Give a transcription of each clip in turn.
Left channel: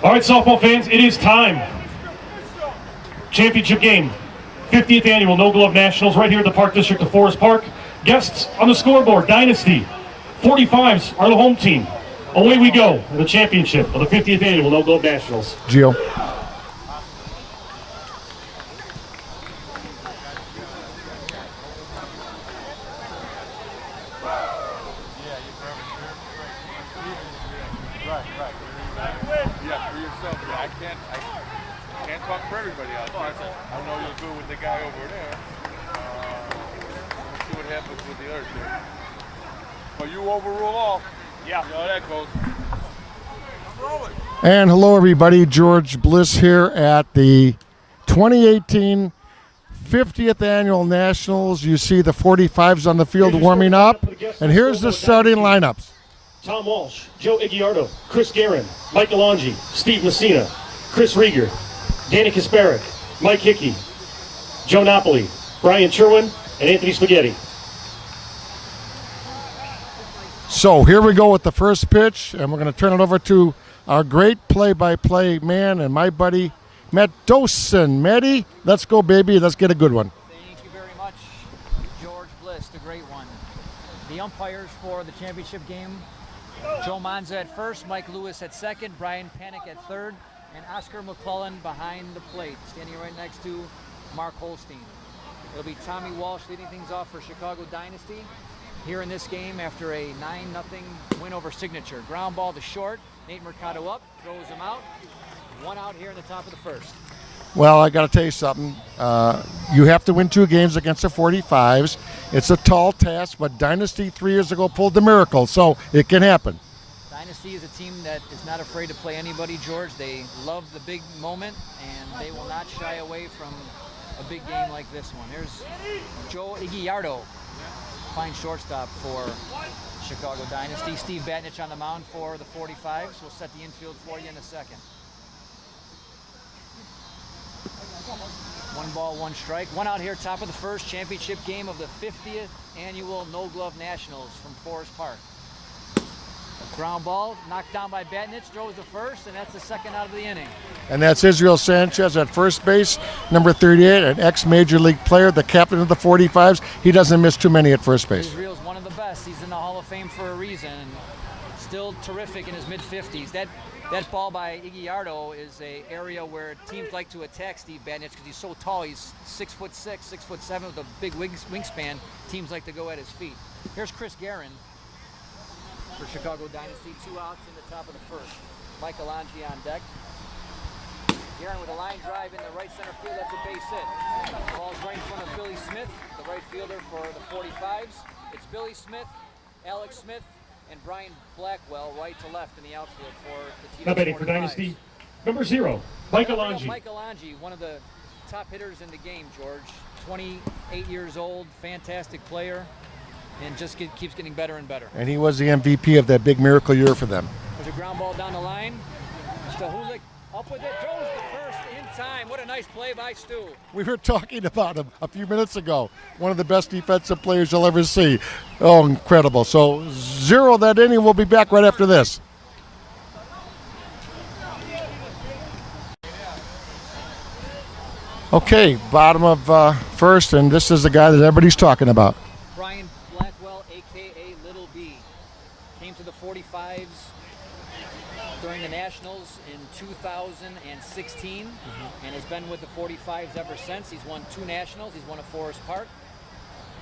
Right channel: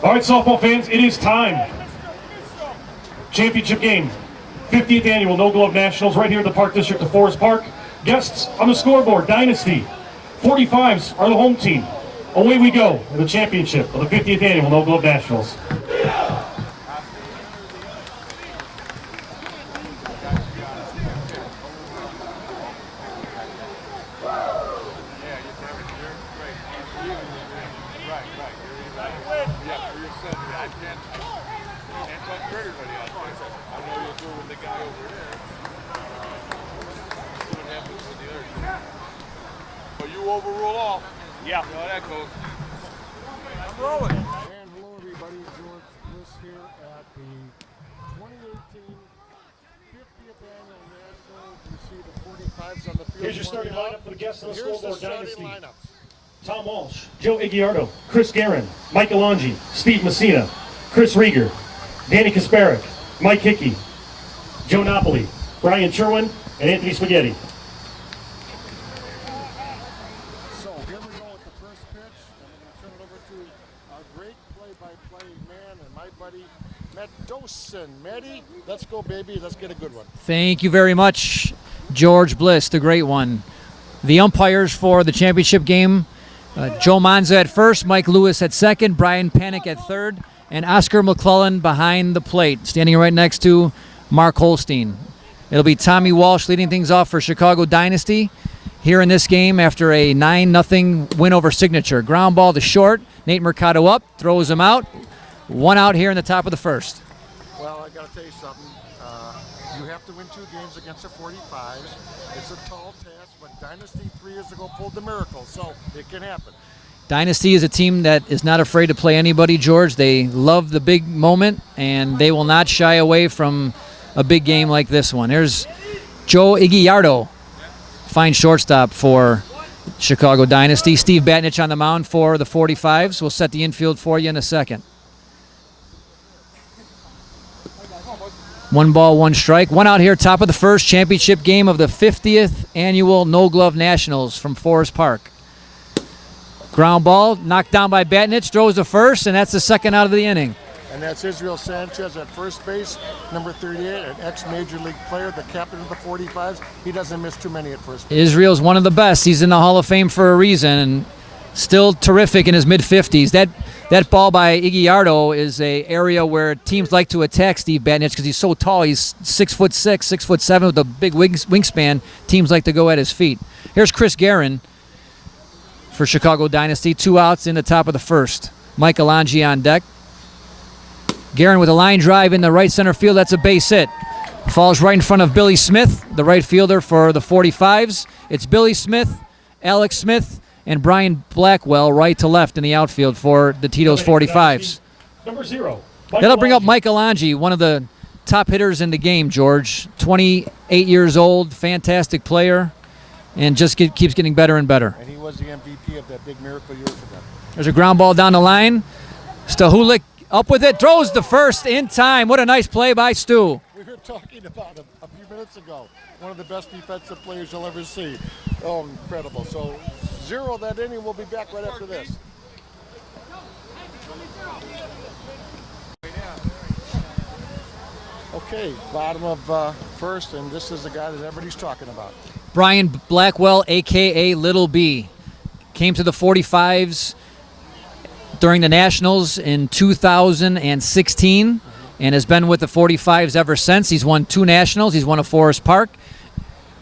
All right, softball fans, it is time. Championship game, 50th annual No Glove Nationals, right here in the Park District of Forest Park. Guests on the scoreboard, Dynasty. 45s are the home team. Away we go in the championship of the 50th annual No Glove Nationals. Gio. And hello everybody, George Bliss here at the 2018 50th Annual Nationals. You see the 45s on the field warming up, and here's the starting lineups. Tom Walsh, Joe Igiardo, Chris Garin, Mike Alongi, Steve Mussina, Chris Rieger, Danny Kasparek, Mike Hickey, Joe Napoli, Bryan Sherwin, and Anthony Spaghetti. So here we go with the first pitch, and we're going to turn it over to our great play-by-play man and my buddy, Matt Dosen. Matty, let's go, baby. Let's get a good one. Thank you very much, George Bliss, the great one. The umpires for the championship game, Joe Monza at first, Mike Lewis at second, Brian Panic at third, and Oscar McClellan behind the plate, standing right next to Mark Holstein. It'll be Tommy Walsh leading things off for Chicago Dynasty here in this game after a 9-0 win over Signature. Ground ball to short. Nate Mercado up, throws him out. One out here in the top of the first. Well, I got to tell you something. You have to win 2 games against the 45s. It's a tall task, but Dynasty 3 years ago pulled the miracle, so it can happen. Dynasty is a team that is not afraid to play anybody, George. They love the big moment, and they will not shy away from a big game like this one. There's Joe Igiardo, fine shortstop for Chicago Dynasty. Steve Batnich on the mound for the 45s. We'll set the infield for you in a second. 1 ball, 1 strike. 1 out here, top of the first, championship game of the 50th Annual No Glove Nationals from Forest Park. Ground ball, knocked down by Batnich, throws to first, and that's the second out of the inning. And that's Israel Sanchez at first base, number 38, an ex-Major League player, the captain of the 45s. He doesn't miss too many at first base. Israel's one of the best. He's in the Hall of Fame for a reason, and still terrific in his mid-50s. That ball by Igiardo is an area where teams like to attack Steve Batnich because he's so tall. He's 6'6", 6'7", with a big wingspan. Teams like to go at his feet. Here's Chris Garin for Chicago Dynasty. 2 outs in the top of the first. Mike Alongi on deck. Garin with a line drive in the right center field. That's a base hit. Falls right in front of Billy Smith, the right fielder for the 45s. It's Billy Smith, Alex Smith, and Brian Blackwell right to left in the outfield for the Tito's 45s. Number 0. That'll bring up Mike Alongi, one of the top hitters in the game, George. 28 years old, fantastic player, and just keeps getting better and better. And he was the MVP of that big miracle year for them. There's a ground ball down the line. Stahulik up with it, throws the first in time. What a nice play by Stu. We were talking about him a few minutes ago. One of the best defensive players you'll ever see. Oh, incredible. So 0 that inning. We'll be back right after this. Okay, bottom of first, and this is the guy that everybody's talking about. Brian Blackwell, a.k.a. Little B. Came to the 45s during the Nationals in 2016 and has been with the 45s ever since. He's won 2 Nationals. He's won a Forest Park.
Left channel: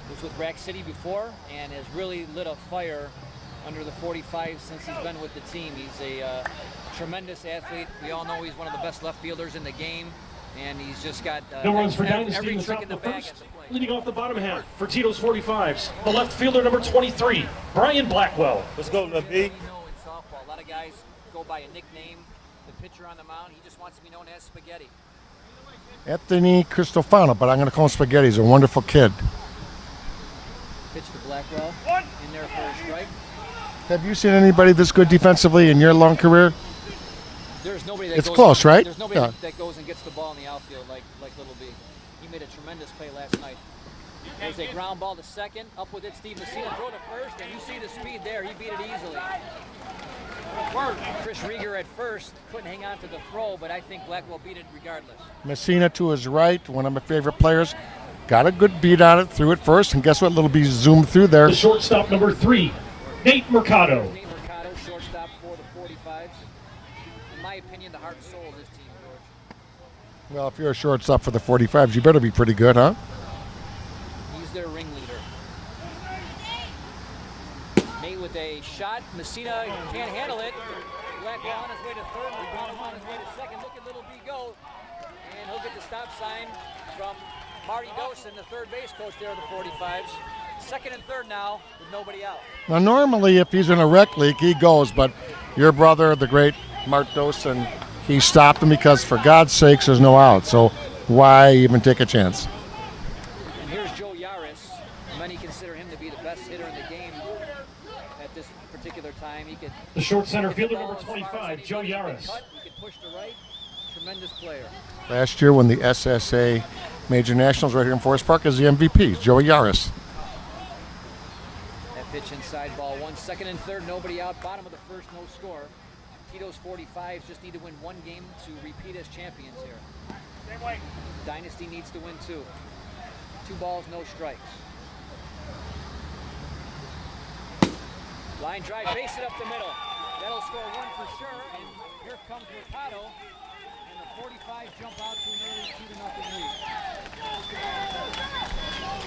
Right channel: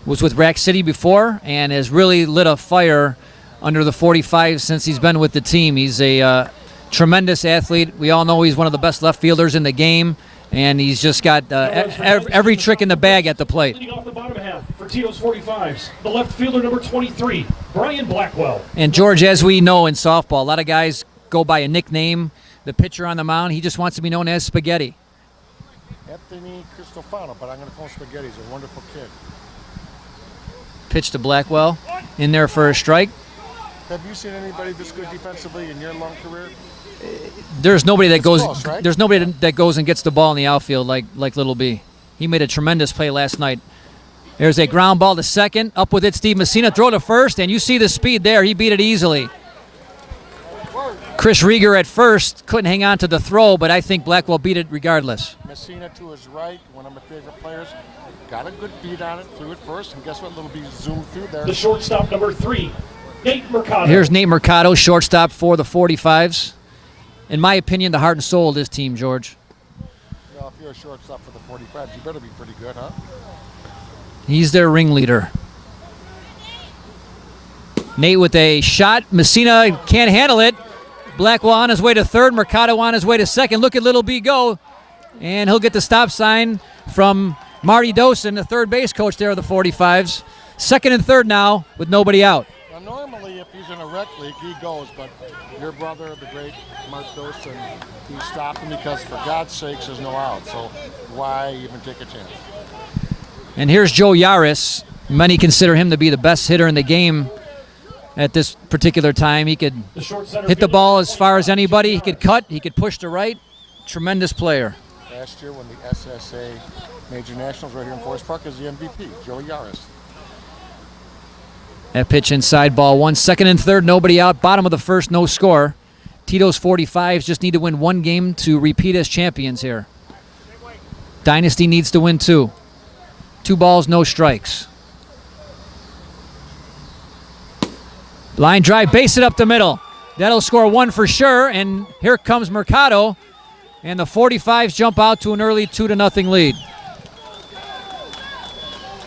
Was with Rack City before and has really lit a fire under the 45s since he's been with the team. He's a tremendous athlete. We all know he's one of the best left fielders in the game, and he's just got every trick in the bag at the plate. Leading off the bottom half for Tito's 45s, the left fielder number 23, Brian Blackwell. And George, as we know in softball, a lot of guys go by a nickname. The pitcher on the mound, he just wants to be known as Spaghetti. Anthony Cristofano, but I'm going to call him Spaghetti. He's a wonderful kid. Pitch to Blackwell, in there for a strike. Have you seen anybody this good defensively in your long career? There's nobody that goes close, right? There's nobody that goes and gets the ball in the outfield like Little B. He made a tremendous play last night. There's a ground ball to second. Up with it, Steve Mussina. Throw to first, and you see the speed there. He beat it easily. Chris Rieger at first couldn't hang on to the throw, but I think Blackwell beat it regardless. Mussina to his right, one of my favorite players. Got a good beat on it, threw it first, and guess what? Little B zoomed through there. The shortstop number 3, Nate Mercado. Here's Nate Mercado, shortstop for the 45s. In my opinion, the heart and soul of this team, George. Well, if you're a shortstop for the 45s, you better be pretty good, huh? He's their ringleader. Nate with a shot. Mussina can't handle it. Blackwell on his way to third. Mercado on his way to second. Look at Little B go. And he'll get the stop sign from Marty Dosen, the third base coach there of the 45s. Second and third now with nobody out. Now, normally if he's in a rec league, he goes, but your brother, the great Mark Dosen, he stopped him because, for God's sakes, there's no out. So why even take a chance? And here's Joe Yaris. Many consider him to be the best hitter in the game at this particular time. He could hit the ball as far as anybody. He could cut. He could push to right. Tremendous player. Last year when the SSA Major Nationals right here in Forest Park is the MVP, Joe Yaris. That pitch inside, ball one. Second and third, nobody out. Bottom of the first, no score. Tito's 45s just need to win one game to repeat as champions here. Dynasty needs to win 2. 2 balls, no strikes. Line drive, base it up the middle. That'll score 1 for sure, and here comes Mercado, and the 45s jump out to an early 2-0 lead.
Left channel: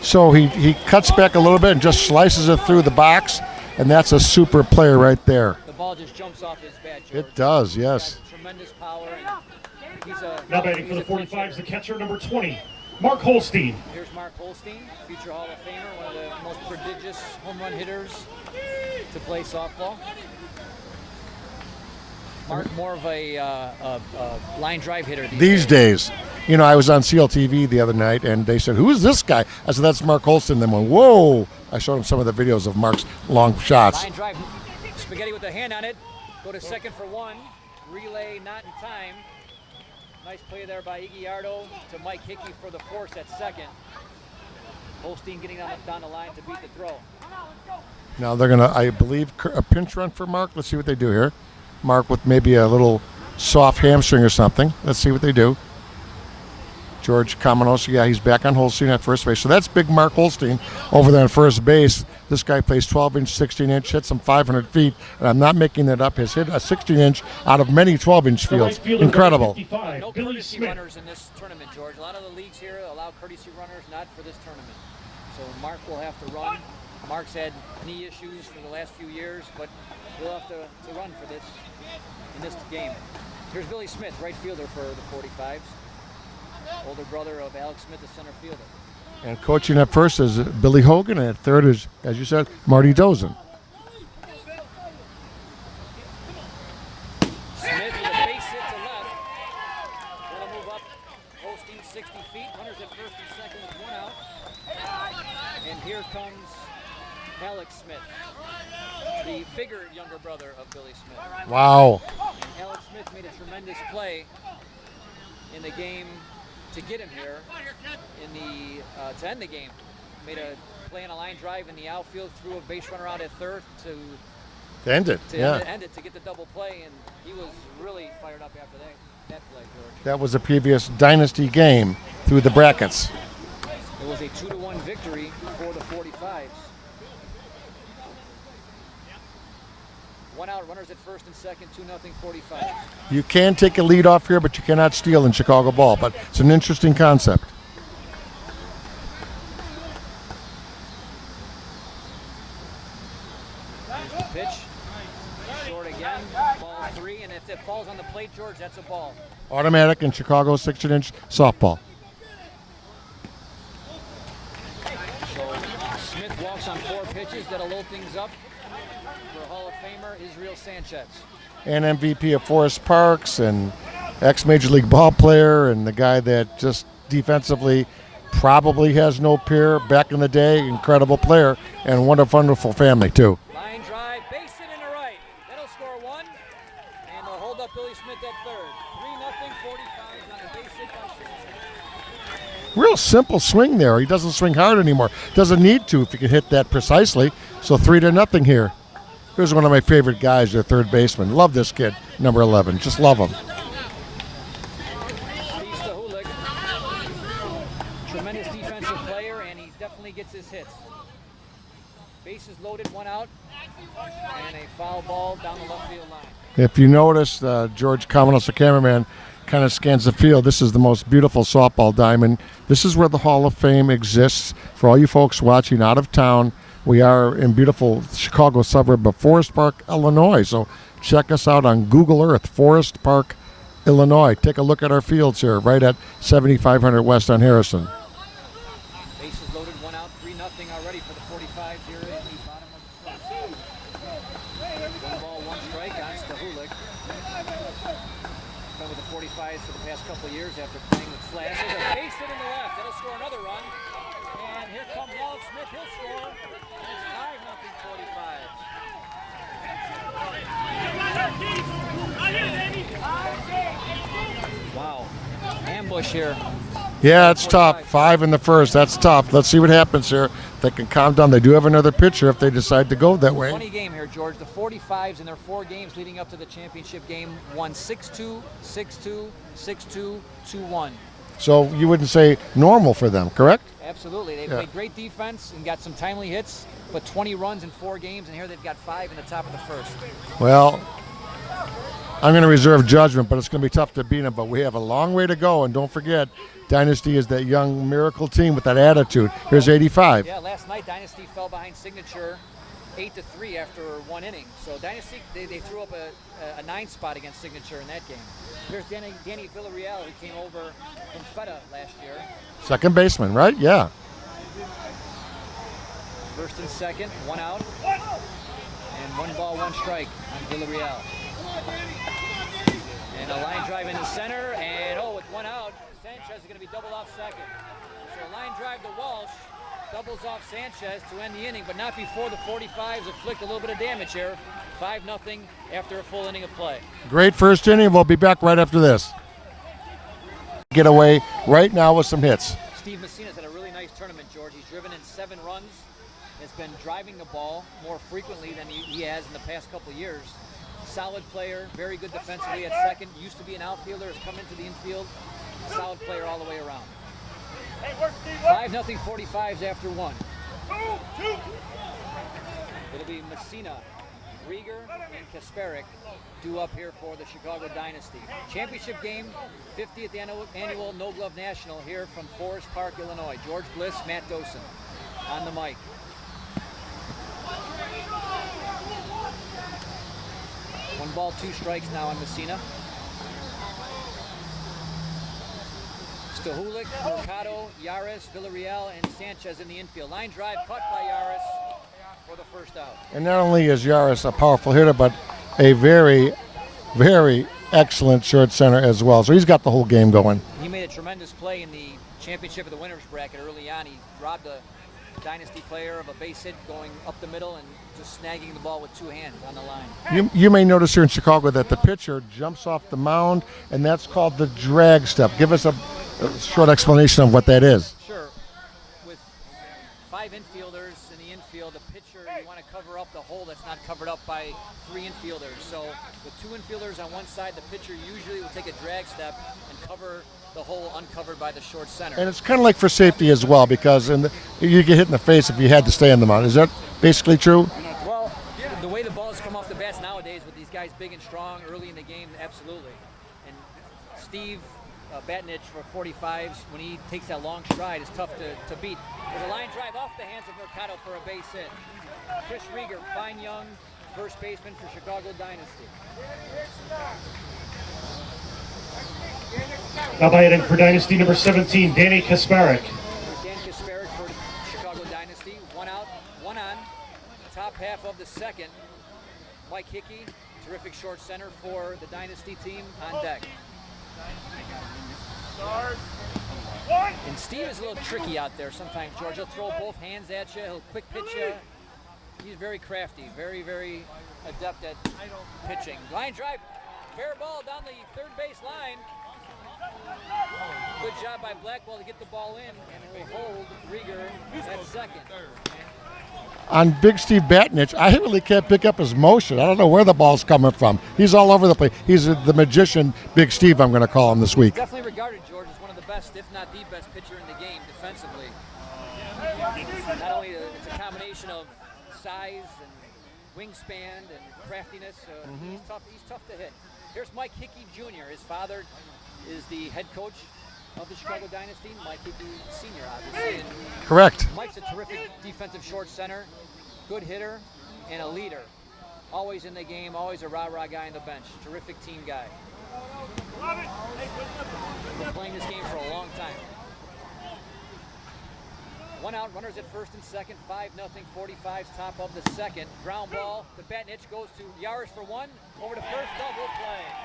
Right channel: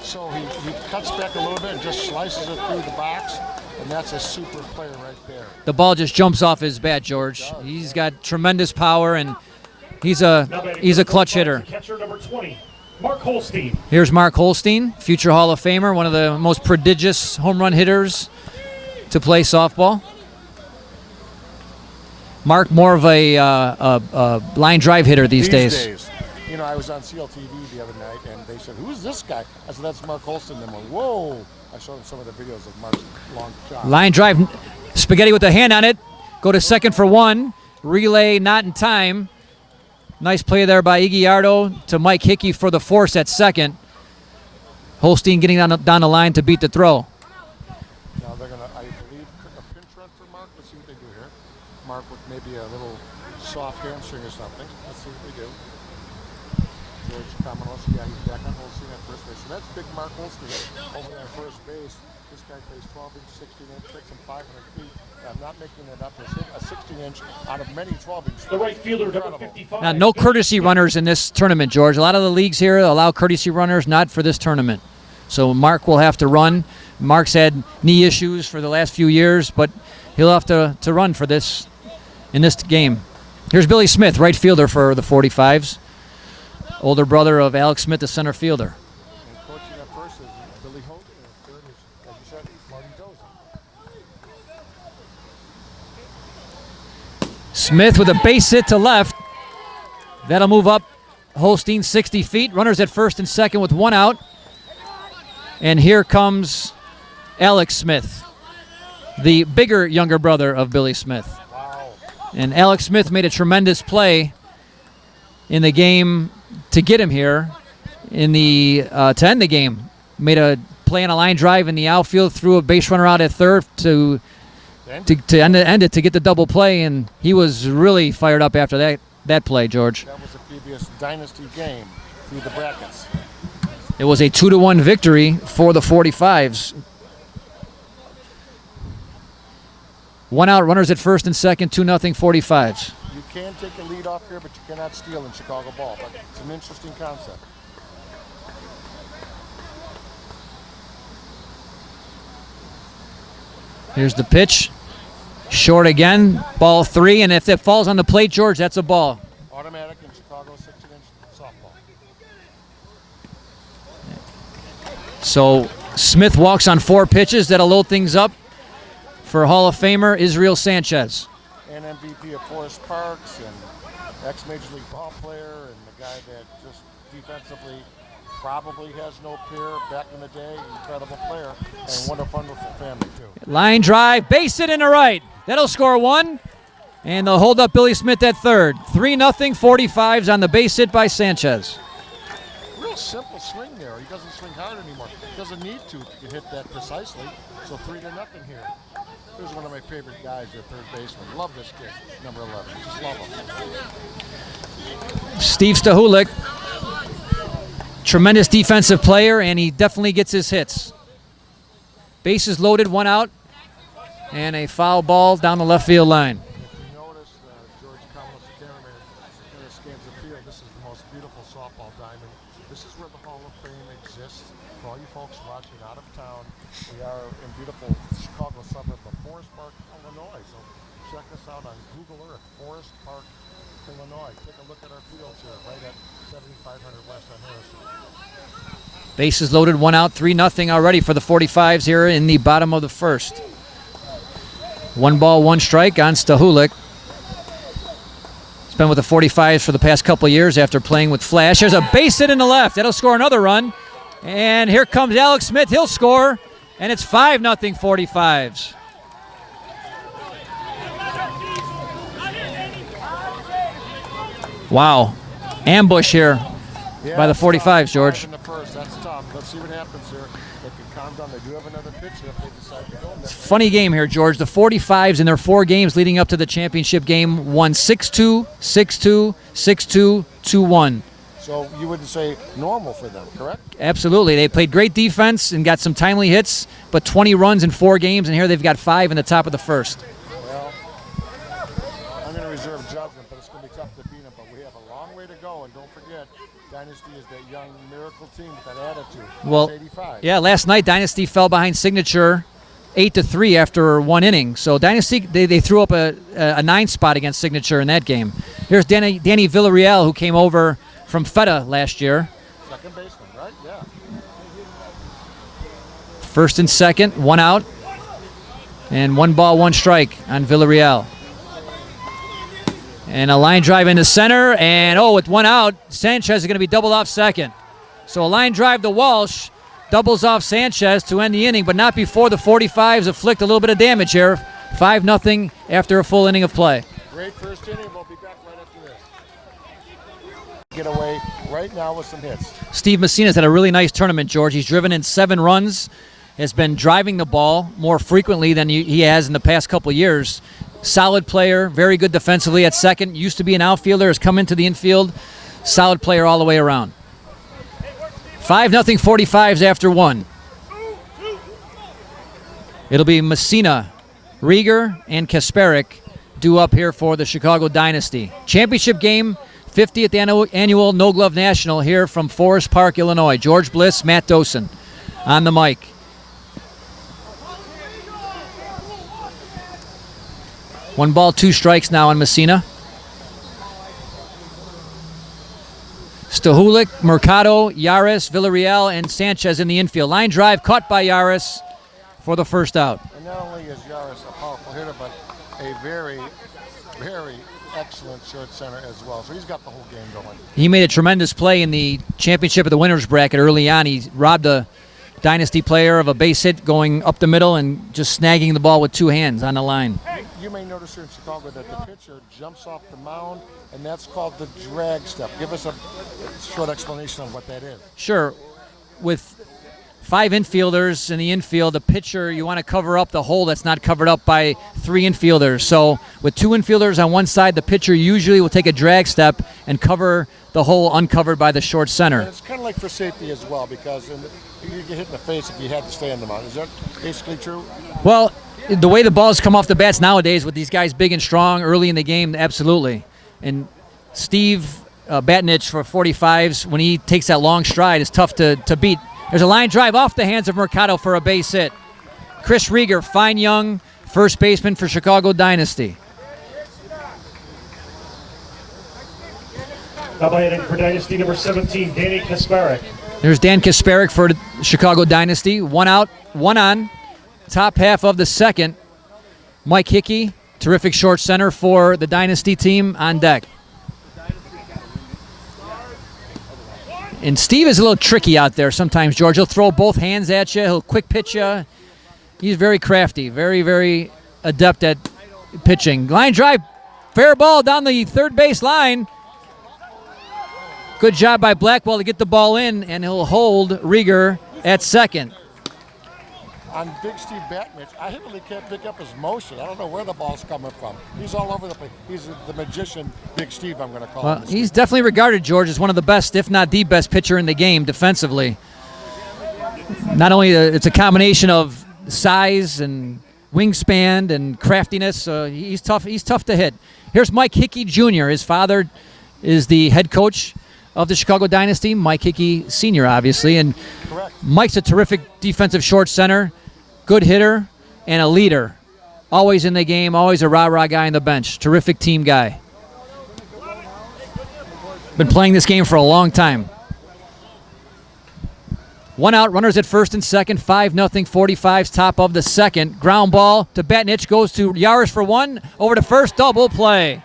So he cuts back a little bit and just slices it through the box, and that's a super player right there. The ball just jumps off his bat, George. It does, He's yes. got tremendous power, and he's a clutch hitter. Catcher number 20, Mark Holstein. Here's Mark Holstein, future Hall of Famer, one of the most prodigious home run hitters to play softball. Mark, more of a line drive hitter these days. You know, I was on CLTV the other night, and they said, "Who is this guy?" I said, "That's Mark Holstein." Then went, "Whoa!" I showed them some of the videos of Mark's long shots. Line drive, Spaghetti with the hand on it. Go to second for 1. Relay not in time. Nice play there by Iguiardo to Mike Hickey for the force at second. Holstein getting down the line to beat the throw. Now they're going to, I believe, a pinch run for Mark. Let's see what they do here. Mark with maybe a little soft hamstring or something. Let's see what they do. George Kamenos, yeah, he's back on Holstein at first base. So that's big Mark Holstein over there on first base. This guy plays 12-inch, 16-inch, hits some 500 feet, and I'm not making that up. Has hit a 16-inch out of many 12-inch fields. Incredible. Now, no courtesy runners in this tournament, George. A lot of the leagues here allow courtesy runners, not for this tournament. So Mark will have to run. Mark's had knee issues for the last few years, but he'll have to run for this in this game. Here's Billy Smith, right fielder for the 45s. Older brother of Alex Smith, the center fielder. And coaching at first is Billy Hogan, and at third is, as you said, Marty Dosen. Smith with a base hit to left. That'll move up Holstein 60 feet. Runners at first and second with 1 out. And here comes Alex Smith, the bigger, younger brother of Billy Smith. Wow. And Alex Smith made a tremendous play in the game to get him here, to end the game. Made a play on a line drive in the outfield, threw a base runner out at third to end it to get the double play, and he was really fired up after that play, George. That was a previous Dynasty game through the brackets. It was a 2-1 victory for the 45s. 1 out, runners at first and second, 2-0 45s. You can take a lead off here, but you cannot steal in Chicago ball. But it's an interesting concept. Here's the pitch. Short again, ball 3, and if that falls on the plate, George, that's a ball. Automatic in Chicago 16-inch softball. So Smith walks on 4 pitches. That'll load things up for Hall of Famer Israel Sanchez. And MVP of Forest Parks and ex-Major League ball player and the guy that just defensively probably has no peer back in the day. Incredible player and wonderful family too. Line drive, base hit in the right. That'll score 1. And they'll hold up Billy Smith at third. 3-0 45s on the base hit by Sanchez. Real simple swing there. He doesn't swing hard anymore. Doesn't need to if he can hit that precisely. So 3-0 here. Here's one of my favorite guys, their third baseman. Love this kid, number 11. Just love him. Steve Stahulik, tremendous defensive player, and he definitely gets his hits. Bases loaded, one out, and a foul ball down the left field line. If you notice, George Kamenos, the cameraman, kind of scans the field. This is the most beautiful softball diamond. This is where the Hall of Fame exists. For all you folks watching out of town, we are in beautiful Chicago suburb of Forest Park, Illinois. So check us out on Google Earth, Forest Park, Illinois. Take a look at our fields here, right at 7500 West on Harrison. Bases loaded, one out, 3-0 already for the 45s here in the bottom of the first. 1 ball, 1 strike on Stahulik. He's been with the 45s for the past couple of years after playing with Flash. There's a base hit in the left. That'll score another run. And here comes Alex Smith. He'll score. And it's 5-0 45s. Wow. Ambush here. Yeah, by it's the 45s, tough. 5 George. in the first. That's tough. Let's see what happens here. They can calm down. They do have another pitcher if they decide to go that way. Funny game here, George. The 45s in their 4 games leading up to the championship game won 6-2, 6-2, 6-2, 2-1. So you wouldn't say normal for them, correct? Absolutely. They played great defense and got some timely hits, but 20 runs in 4 games, and here they've got 5 in the top of the first. Well, I'm going to reserve judgment, but it's going to be tough to beat them. But we have a long way to go, and don't forget, Dynasty is that young miracle team with that attitude. Here's 85. Yeah, last night Dynasty fell behind Signature 8-3 after 1 inning. So Dynasty, they threw up a 9 spot against Signature in that game. Here's Danny Villarreal, who came over from Feta last year. Second baseman, right? Yeah. First and second, 1 out. And 1 ball, 1 strike on Villarreal. And a line drive into center, and with 1 out, Sanchez is going to be doubled off second. So a line drive to Walsh, doubles off Sanchez to end the inning, but not before the 45s afflict a little bit of damage here. 5-0 after a full inning of play. Great first inning. We'll be back right after this. Get away right now with some hits. Steve Mussina's had a really nice tournament, George. He's driven in 7 runs, has been driving the ball more frequently than he has in the past couple of years. Solid player, very good defensively at second. Used to be an outfielder, has come into the infield. Solid player all the way around. 5-0 45s after 1. It'll be Mussina, Rieger, and Kasparik due up here for the Chicago Dynasty. Championship game, 50th annual No Glove National here from Forest Park, Illinois. George Bliss, Matt Dosen on the mic. One ball, 2 strikes now on Mussina. Stahulik, Mercado, Yaris, Villarreal, and Sanchez in the infield. Line drive caught by Yaris for the first out. And not only is Yaris a powerful hitter, but a very, very excellent short center as well. So he's got the whole game going. He made a tremendous play in the championship of the winners bracket early on. He robbed a Dynasty player of a base hit going up the middle and just snagging the ball with 2 hands on the line. You may notice here in Chicago that the pitcher jumps off the mound, and that's called the drag step. Give us a short explanation of what that is. Sure. With 5 infielders in the infield, the pitcher, you want to cover up the hole that's not covered up by 3 infielders. So with 2 infielders on one side, the pitcher usually will take a drag step and cover the hole uncovered by the short center. And it's kind of like for safety as well, because you get hit in the face if you had to stay on the mound. Is that basically true? Well, the way the balls come off the bats nowadays with these guys big and strong early in the game, absolutely. And Steve Batnich for 45s, when he takes that long stride, is tough to beat. There's a line drive off the hands of Mercado for a base hit. Chris Rieger, fine young first baseman for Chicago Dynasty. Now batting for Dynasty number 17, Danny Kasparik. There's Dan Kasparik for the Chicago Dynasty. 1 out, 1 on. Top half of the second. Mike Hickey, terrific short center for the Dynasty team, on deck. And Steve is a little tricky out there sometimes, George. He'll throw both hands at you. He'll quick pitch you. He's very crafty, very, very adept at pitching. Line drive, fair ball down the third base line. Good job by Blackwell to get the ball in, and he'll hold Rieger at second. on Big Steve Batnich, I really can't pick up his motion. I don't know where the ball's coming from. He's all over the place. He's the magician, Big Steve, I'm going to call him this week. He's definitely regarded, George, as one of the best, if not the best pitcher in the game defensively. Not only it's a combination of size and wingspan and craftiness. He's tough. He's tough to hit. Here's Mike Hickey Jr. His father is the head coach of the Chicago Dynasty. Mike Hickey Sr., obviously. And correct. Mike's a terrific defensive short center, good hitter, and a leader. Always in the game, always a rah-rah guy on the bench. Terrific team guy. Been playing this game for a long time. 1 out, runners at first and second, 5-0, 45's top of the second. Ground ball to Batnich, goes to Yaris for one, over to first, double play.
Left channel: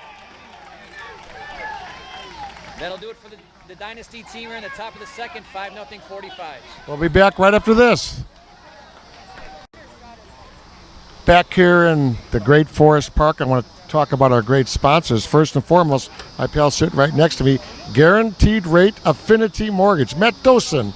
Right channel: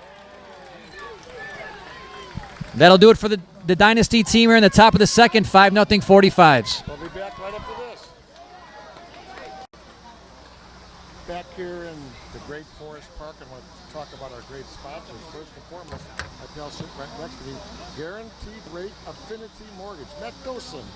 That'll do it for the Dynasty team here in the top of the second, 5-0, 45's. We'll be back right after this. Back here in the great Forest Park, I want to talk about our great sponsors. First and foremost, my pal sitting right next to me, Guaranteed Rate Affinity Mortgage. Matt Dosen.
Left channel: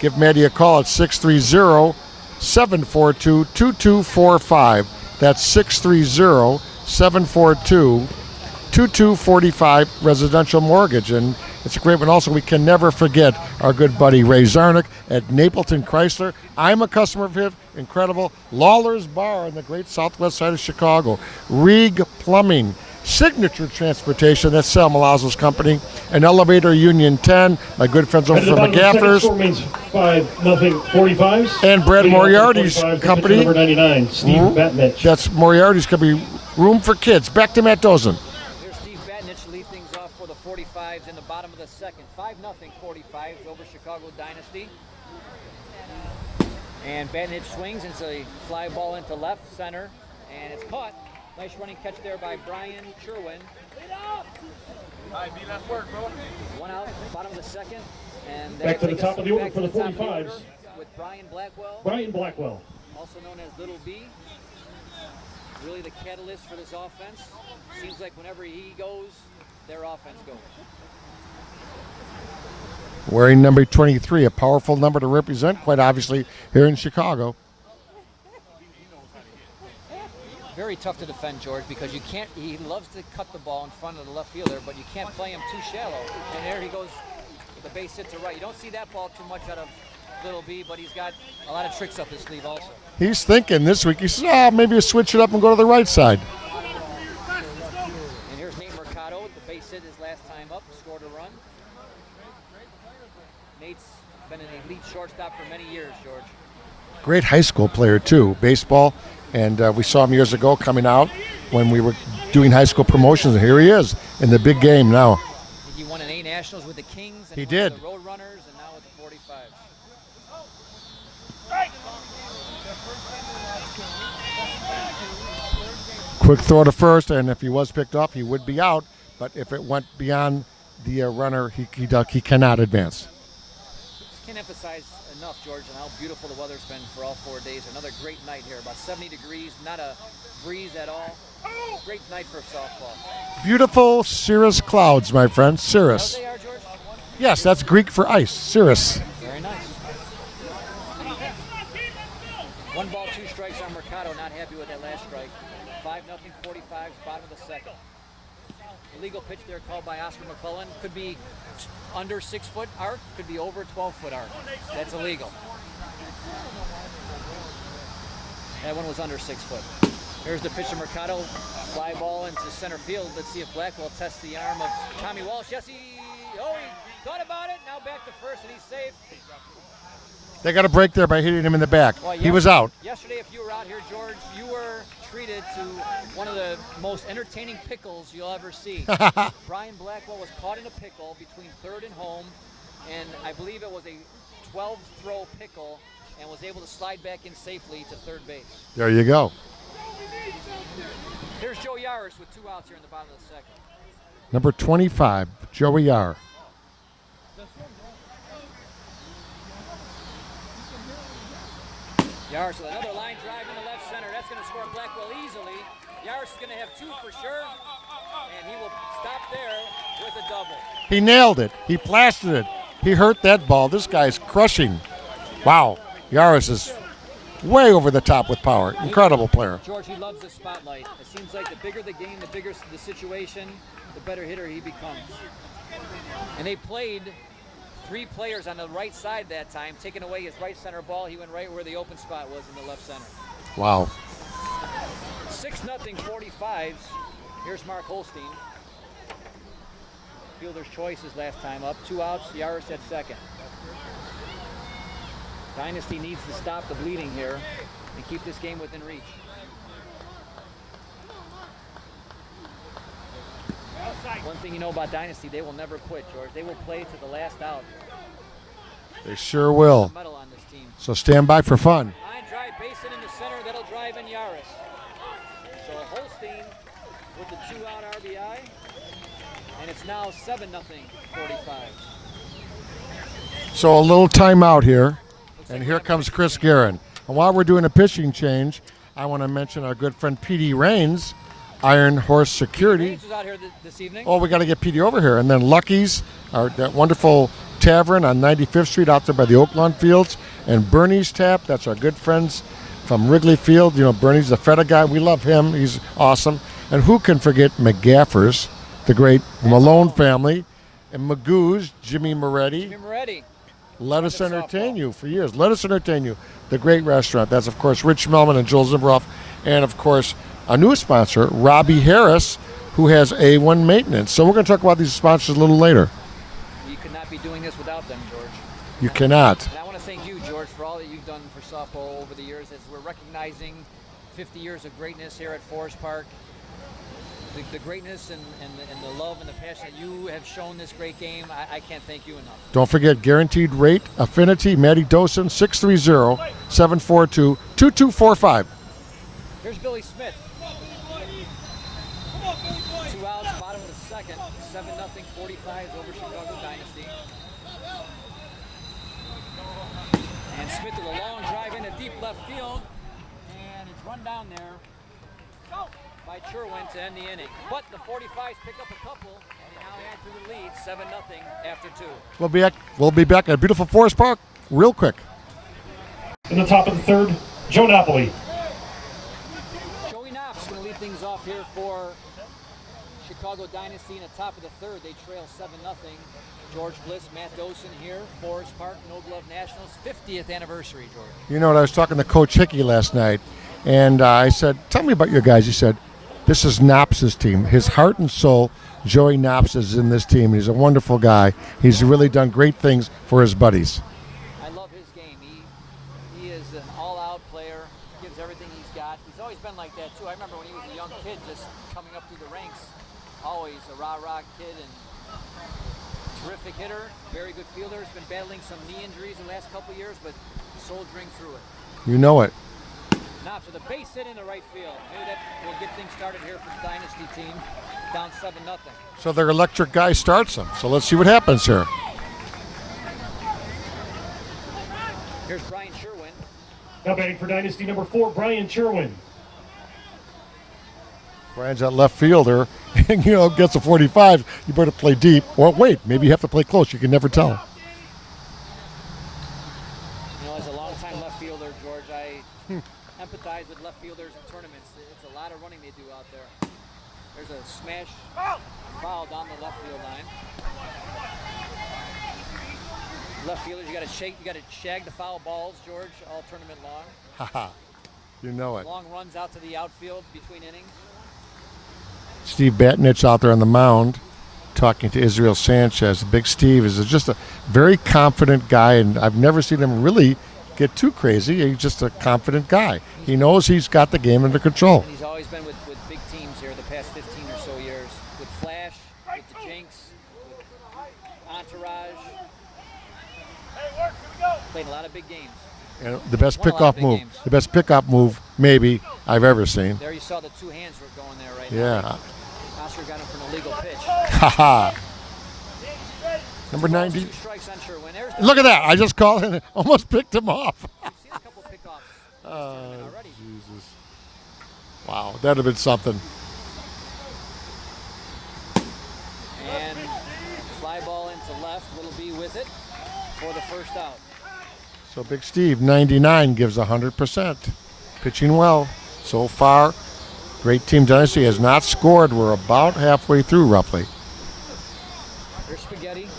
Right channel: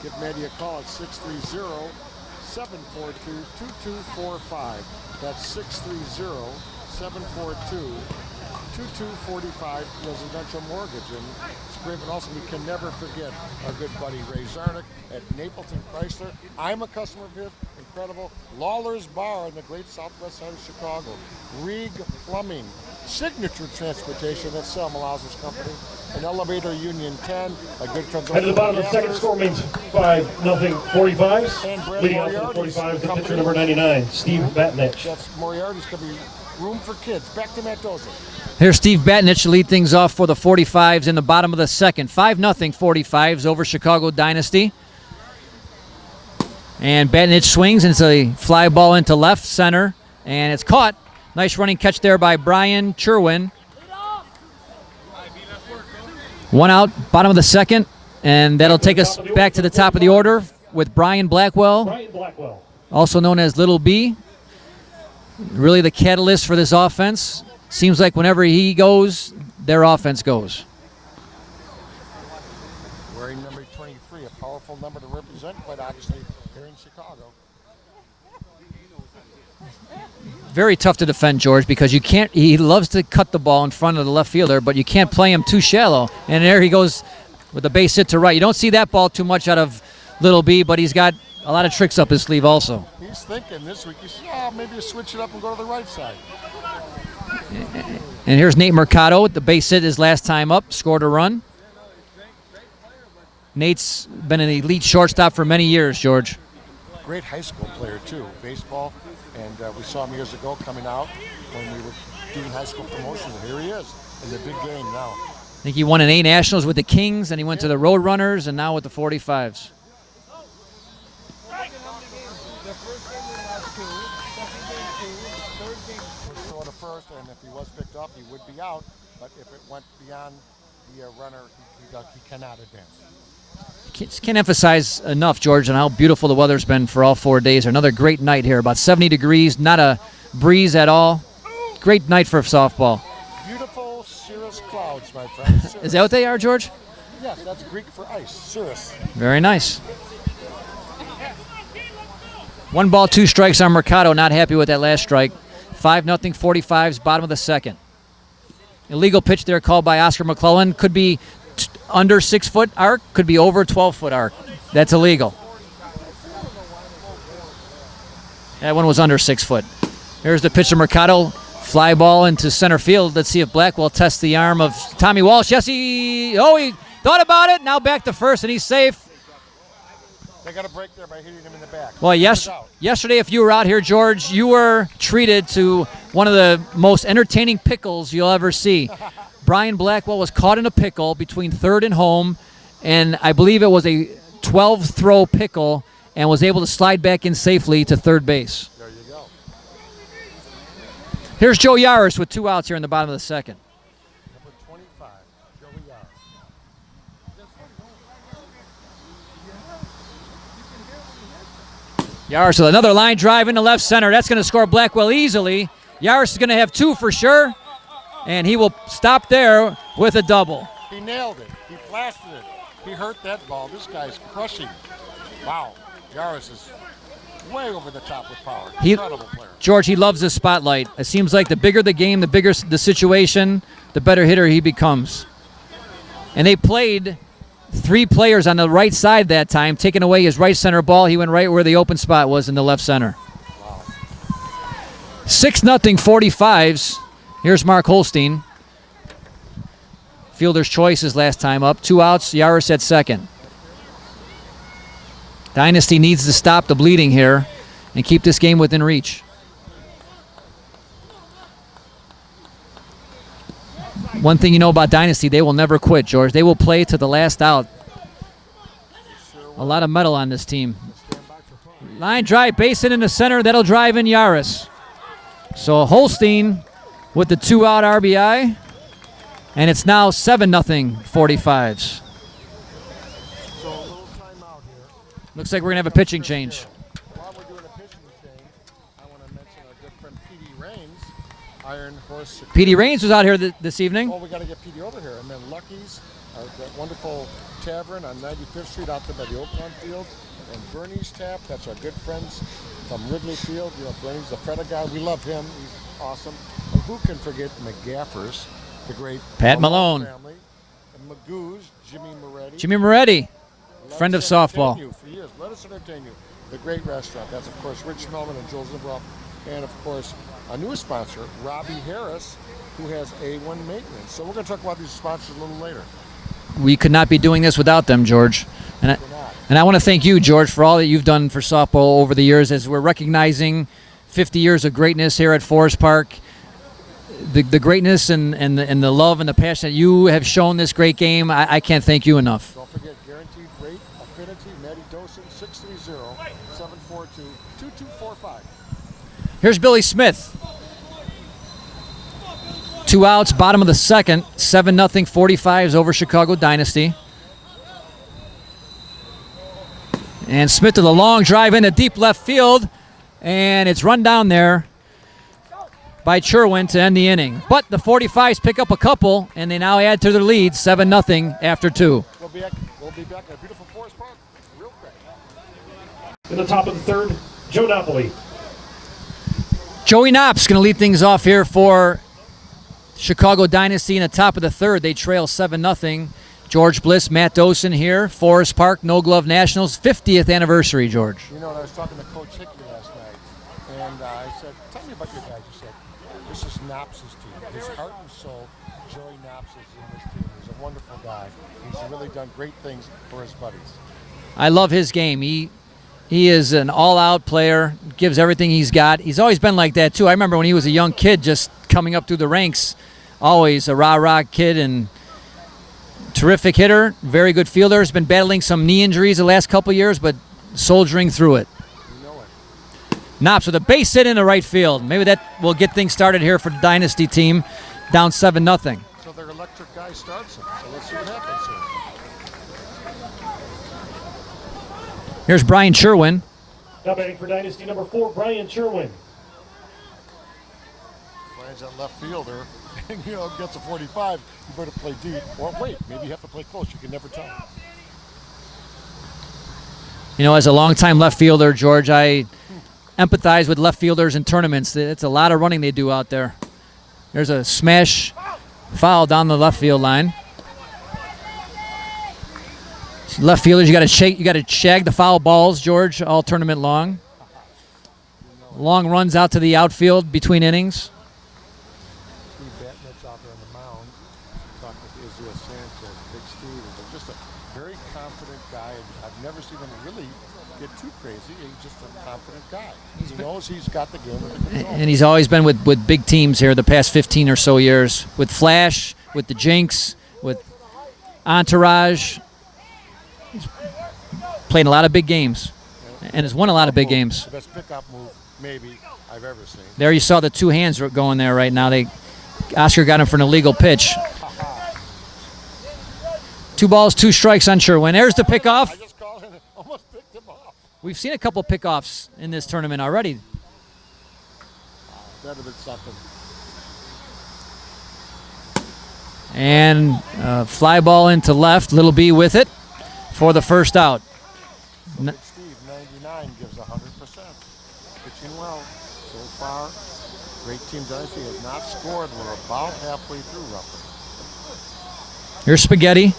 Give Maddie a call at 630-742-2245. That's 630-742-2245 residential mortgage. And it's a great one. Also, we can never forget our good buddy Ray Zarnick at Napleton Chrysler. I'm a customer of his. Incredible. Lawler's Bar on the great southwest side of Chicago. Rieg Plumbing. Signature Transportation, that's Sal Malazzo's company. And Elevator Union 10, my good friends over from McGaffers. Score means 5-0 45s. And Brad Moriarty's company. Number 99, Steve Batnich. That's Moriarty's company. Room for kids. Back to Matt Dosen. Here's Steve Batnich to lead things off for the 45s in the bottom of the second. 5-0 45s over Chicago Dynasty. And Batnich swings, and it's a fly ball into left center, and it's caught. Nice running catch there by Bryan Sherwin. 1 out, bottom of the second, and that'll take us back to the top of the order with Brian Blackwell, also known as Little B. Really the catalyst for this offense. Seems like whenever he goes, their offense goes. Wearing number 23, a powerful number to represent, quite obviously, here in Chicago. Very tough to defend, George, because you can't. He loves to cut the ball in front of the left fielder, but you can't play him too shallow. And there he goes with the base hit to right. You don't see that ball too much out of Little B, but he's got a lot of tricks up his sleeve also. He's thinking this week. He says, maybe you switch it up and go to the right side. And here's Nate Mercado with the base hit his last time up, scored a run. Nate's been an elite shortstop for many years, George. Great high school player, too. Baseball. And we saw him years ago coming out when we were doing high school promotions. And here he is in the big game now. I think he won an A Nationals with the Kings, and he went to the Roadrunners, and now with the 45s. Quick throw to first, and if he was picked up, he would be out. But if it went beyond the runner, he cannot advance. Just can't emphasize enough, George, on how beautiful the weather's been for all 4 days. Another great night here, about 70 degrees, not a breeze at all. Great night for softball. Beautiful cirrus clouds, my friend. Cirrus. Is that what they are, George? Yes, that's Greek for ice. Cirrus. Very nice. 1 ball, 2 strikes on Mercado. Not happy with that last strike. 5-0 45s, bottom of the second. Illegal pitch there called by Oscar McClellan. Could be under 6-foot arc, could be over 12-foot arc. That's illegal. That one was under 6 foot. Here's the pitch to Mercado. Fly ball into center field. Let's see if Blackwell tests the arm of Tommy Walsh. Yes, he thought about it. Now back to first, and he's safe. They got a break there by hitting him in the back. Well, he was out. Yesterday, if you were out here, George, you were treated to one of the most entertaining pickles you'll ever see. Brian Blackwell was caught in a pickle between third and home, and I believe it was a 12-throw pickle, and was able to slide back in safely to third base. There you go. Here's Joe Yaris with 2 outs here in the bottom of the second. Number 25, Joey Yar. Yaris with another line drive into left center. That's going to score Blackwell easily. Yaris is going to have 2 for sure, and he will stop there with a double. He nailed it. He plastered it. He hurt that ball. This guy's crushing. Wow. Yaris is way over the top with power. Incredible player. George, he loves the spotlight. It seems like the bigger the game, the bigger the situation, the better hitter he becomes. And they played 3 players on the right side that time, taking away his right center ball. He went right where the open spot was in the left center. Wow. 6-0 45s. Here's Mark Holstein. Fielder's choice his last time up. 2 outs, Yaris at second. Dynasty needs to stop the bleeding here and keep this game within reach. One thing you know about Dynasty, they will never quit, George. They will play to the last out. They sure will. A lot of metal on this team. So stand by for fun. Line drive, base hit in the center. That'll drive in Yaris. So Holstein with the 2-out RBI. And it's now 7-0 45s. So a little timeout here. Looks like And we're going here to have a comes pitching Chris change. Garin. And while we're doing a pitching change, I want to mention our good friend P.D. Raines, Iron Horse Security. P.D. Raines was out here this evening. Oh, we got to get P.D. over here. And then Lucky's, that wonderful tavern on 95th Street out there by the Oaklawn Fields. And Bernie's Tap, that's our good friends from Wrigley Field. You know, Bernie's the Feta guy. We love him. He's awesome. And who can forget McGaffers, the great Pat Malone family. And Magoo's, Jimmy Moretti. Jimmy Moretti, Let friend of us entertain softball. you for years. Let us entertain you. The great restaurant. That's, of course, Rich Melman and Joel Zimroff. And, of course, a new sponsor, Robbie Harris, who has A1 Maintenance. So we're going to talk about these sponsors a little later. We could not be doing this without them, George. You cannot. And I want to thank you, George, for all that you've done for softball over the years as we're recognizing 50 years of greatness here at Forest Park. The greatness and the love and the passion that you have shown this great game, I can't thank you enough. Don't forget Guaranteed Rate Affinity, Matty Dosen, 630-742-2245. Here's Billy Smith. 2 outs, bottom of the second, 7-0 45s over Chicago Dynasty. And Smith to the long drive into deep left field, and it's run down there by Sherwin to end the inning. But the 45s pick up a couple, and they now add to their lead, 7-0 after 2. We'll be back at beautiful Forest Park real quick. In the top of the third, Joe Napoli. Joey Knopp's going to lead things off here for Chicago Dynasty in the top of the third. They trail 7-0. George Bliss, Matt Dosen here, Forest Park, No Glove Nationals, 50th anniversary, George. You know what, I was talking to Coach Hickey last night, and I said, tell me about your guys. He said, this is Knopp's team. His heart and soul, Joey Knopp's, is in this team. He's a wonderful guy. He's really done great things for his buddies. I love his game. He is an all-out player, gives everything he's got. He's always been like that, too. I remember when he was a young kid just coming up through the ranks, always a rah-rah kid and terrific hitter, very good fielder. Has been battling some knee injuries the last couple years, but soldiering through it. You know it. Knops with a base hit in the right field. Maybe that will get things started here for the Dynasty team, down 7-0. So their electric guy starts them. So let's see what happens here. Here's Bryan Sherwin. Now batting for Dynasty number 4, Bryan Sherwin. Brian's that left fielder, and gets a 45. You better play deep. Or wait, maybe you have to play close. You can never tell. As a longtime left fielder, George, I empathize with left fielders in tournaments. It's a lot of running they do out there. There's a smash foul down the left field line. Left fielders, you got to shag the foul balls, George, all tournament long. You know it. Long runs out to the outfield between innings. Steve Batnich out there on the mound talking to Israel Sanchez. Big Steve is just a very confident guy, and I've never seen him really get too crazy. He's just a confident guy. He knows he's got the game under control. And he's always been with big teams here the past 15 or so years. With Flash, with the Jinx, with Entourage. He's played a lot of big games. And has won a lot of big games. The best pickup move, maybe, I've ever seen. There you saw the 2 hands going there right now. Oscar got him for an illegal pitch. 2 balls, 2 strikes on Sherwin. There's the pickoff. Look at that. I just called and almost picked him off. We've seen a couple pickoffs in this tournament already. Wow, that'd have been something. And fly ball into left. Little B with it for the first out. So Big Steve, 99, gives 100%. Pitching well so far. Great Team Dynasty has not scored. We're about halfway through, roughly. Here's Spaghetti.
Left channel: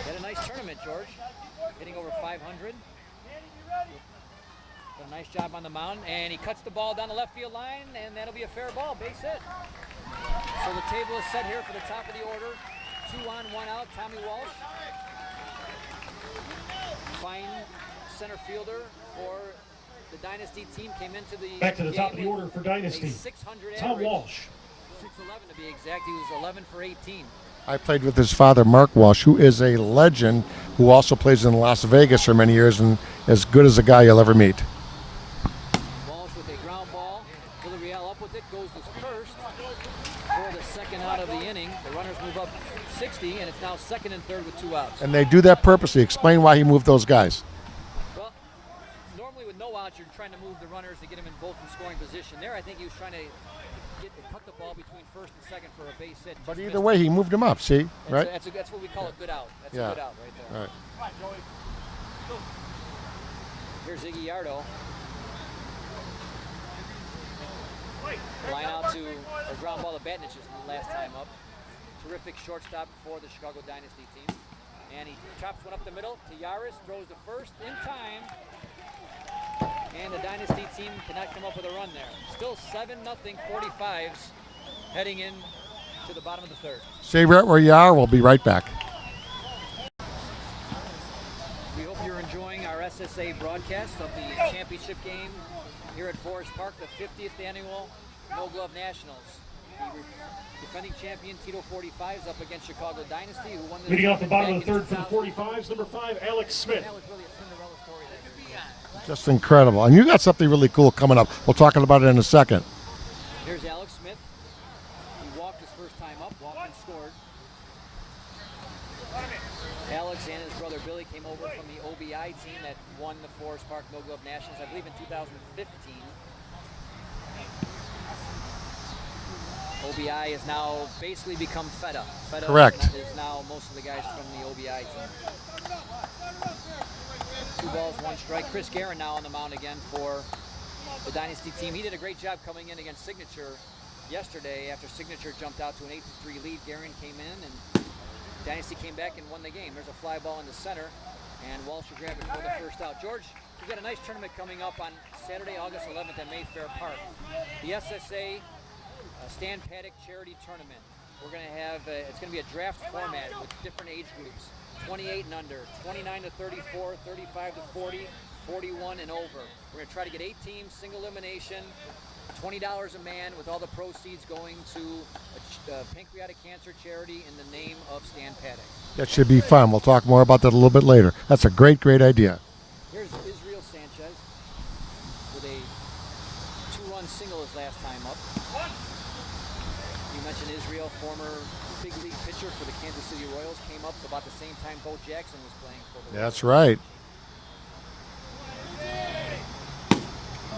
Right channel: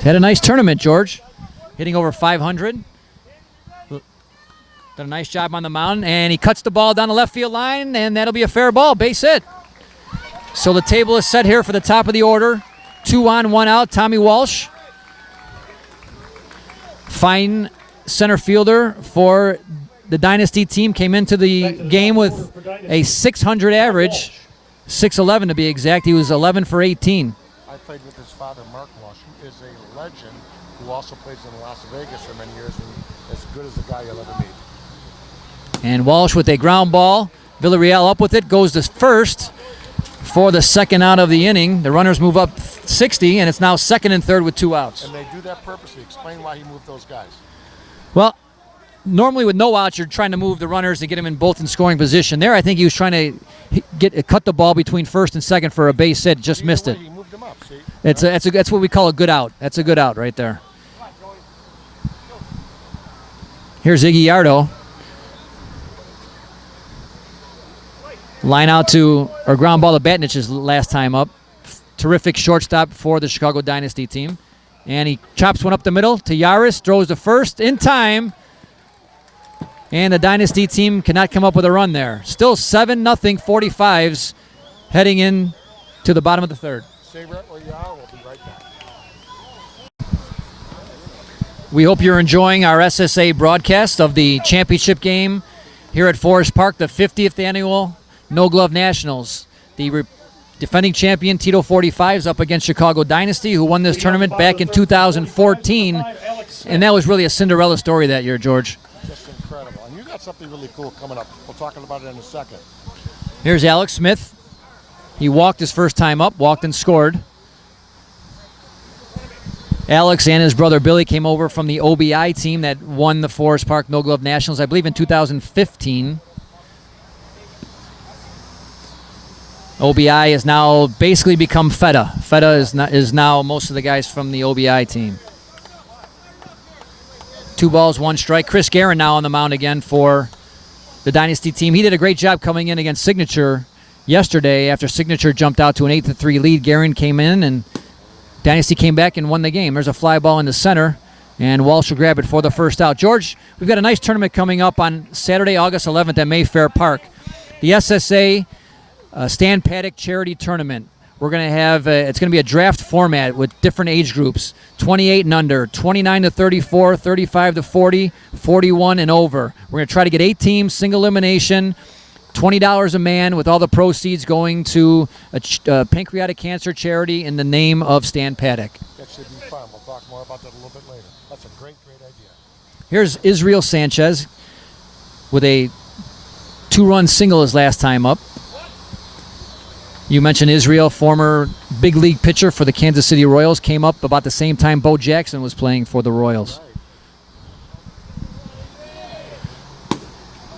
Had a nice tournament, George. Hitting over 500. Done a nice job on the mound, and he cuts the ball down the left field line, and that'll be a fair ball, base hit. So the table is set here for the top of the order. 2 on, 1 out, Tommy Walsh. Fine center fielder for the Dynasty team. Came into the game with a 600 average, 6'11" to be exact. He was 11 for 18. I played with his father, Mark Walsh, who is a legend, who also plays in Las Vegas for many years and as good as a guy you'll ever meet. And Walsh with a ground ball. Villarreal up with it, goes to first for the second out of the inning. The runners move up 60, and it's now second and third with 2 outs. And they do that purposely. Explain why he moved those guys. Well, normally with no outs, you're trying to move the runners to get them in both in scoring position. There, I think he was trying to cut the ball between first and second for a base hit. Just missed it. He moved him up. See, that's what we call a good out. That's a good out right there. Here's Iggy Yardo. Line out to, or ground ball to Batnich's last time up. Terrific shortstop for the Chicago Dynasty team. And he chops one up the middle to Yaris, throws to first in time. And the Dynasty team cannot come up with a run there. Still 7-0 45s heading in to the bottom of the third. Stay right where you are. We'll be right back. We hope you're enjoying our SSA broadcast of the championship game here at Forest Park, the 50th annual No Glove Nationals. The defending champion Tito 45s up against Chicago Dynasty, who won this tournament back in 2014. And that was really a Cinderella story that year, George. Just incredible. And you got something really cool coming up. We'll talk about it in a second. Here's Alex Smith. He walked his first time up, walked and scored. Alex and his brother Billy came over from the OBI team that won the Forest Park No Glove Nationals, I believe, in 2015. OBI has now basically become FETA. FETA is now most of the guys from the OBI team. 2 balls, 1 strike. Chris Garin now on the mound again for the Dynasty team. He did a great job coming in against Signature yesterday. After Signature jumped out to an 8-3 lead, Garin came in and Dynasty came back and won the game. There's a fly ball in the center, and Walsh will grab it for the first out. George, we've got a nice tournament coming up on Saturday, August 11th at Mayfair Park. The SSA Stan Paddock Charity Tournament. We're going to have, it's going to be a draft format with different age groups, 28 and under, 29 to 34, 35 to 40, 41 and over. We're going to try to get 8 teams, single elimination, $20 a man, with all the proceeds going to a pancreatic cancer charity in the name of Stan Paddock. That should be fun. We'll talk more about that a little bit later. That's a great, great idea. Here's Israel Sanchez with a 2-run single his last time up. You mentioned Israel, former big league pitcher for the Kansas City Royals, came up about the same time Bo Jackson was playing for the Royals. That's right.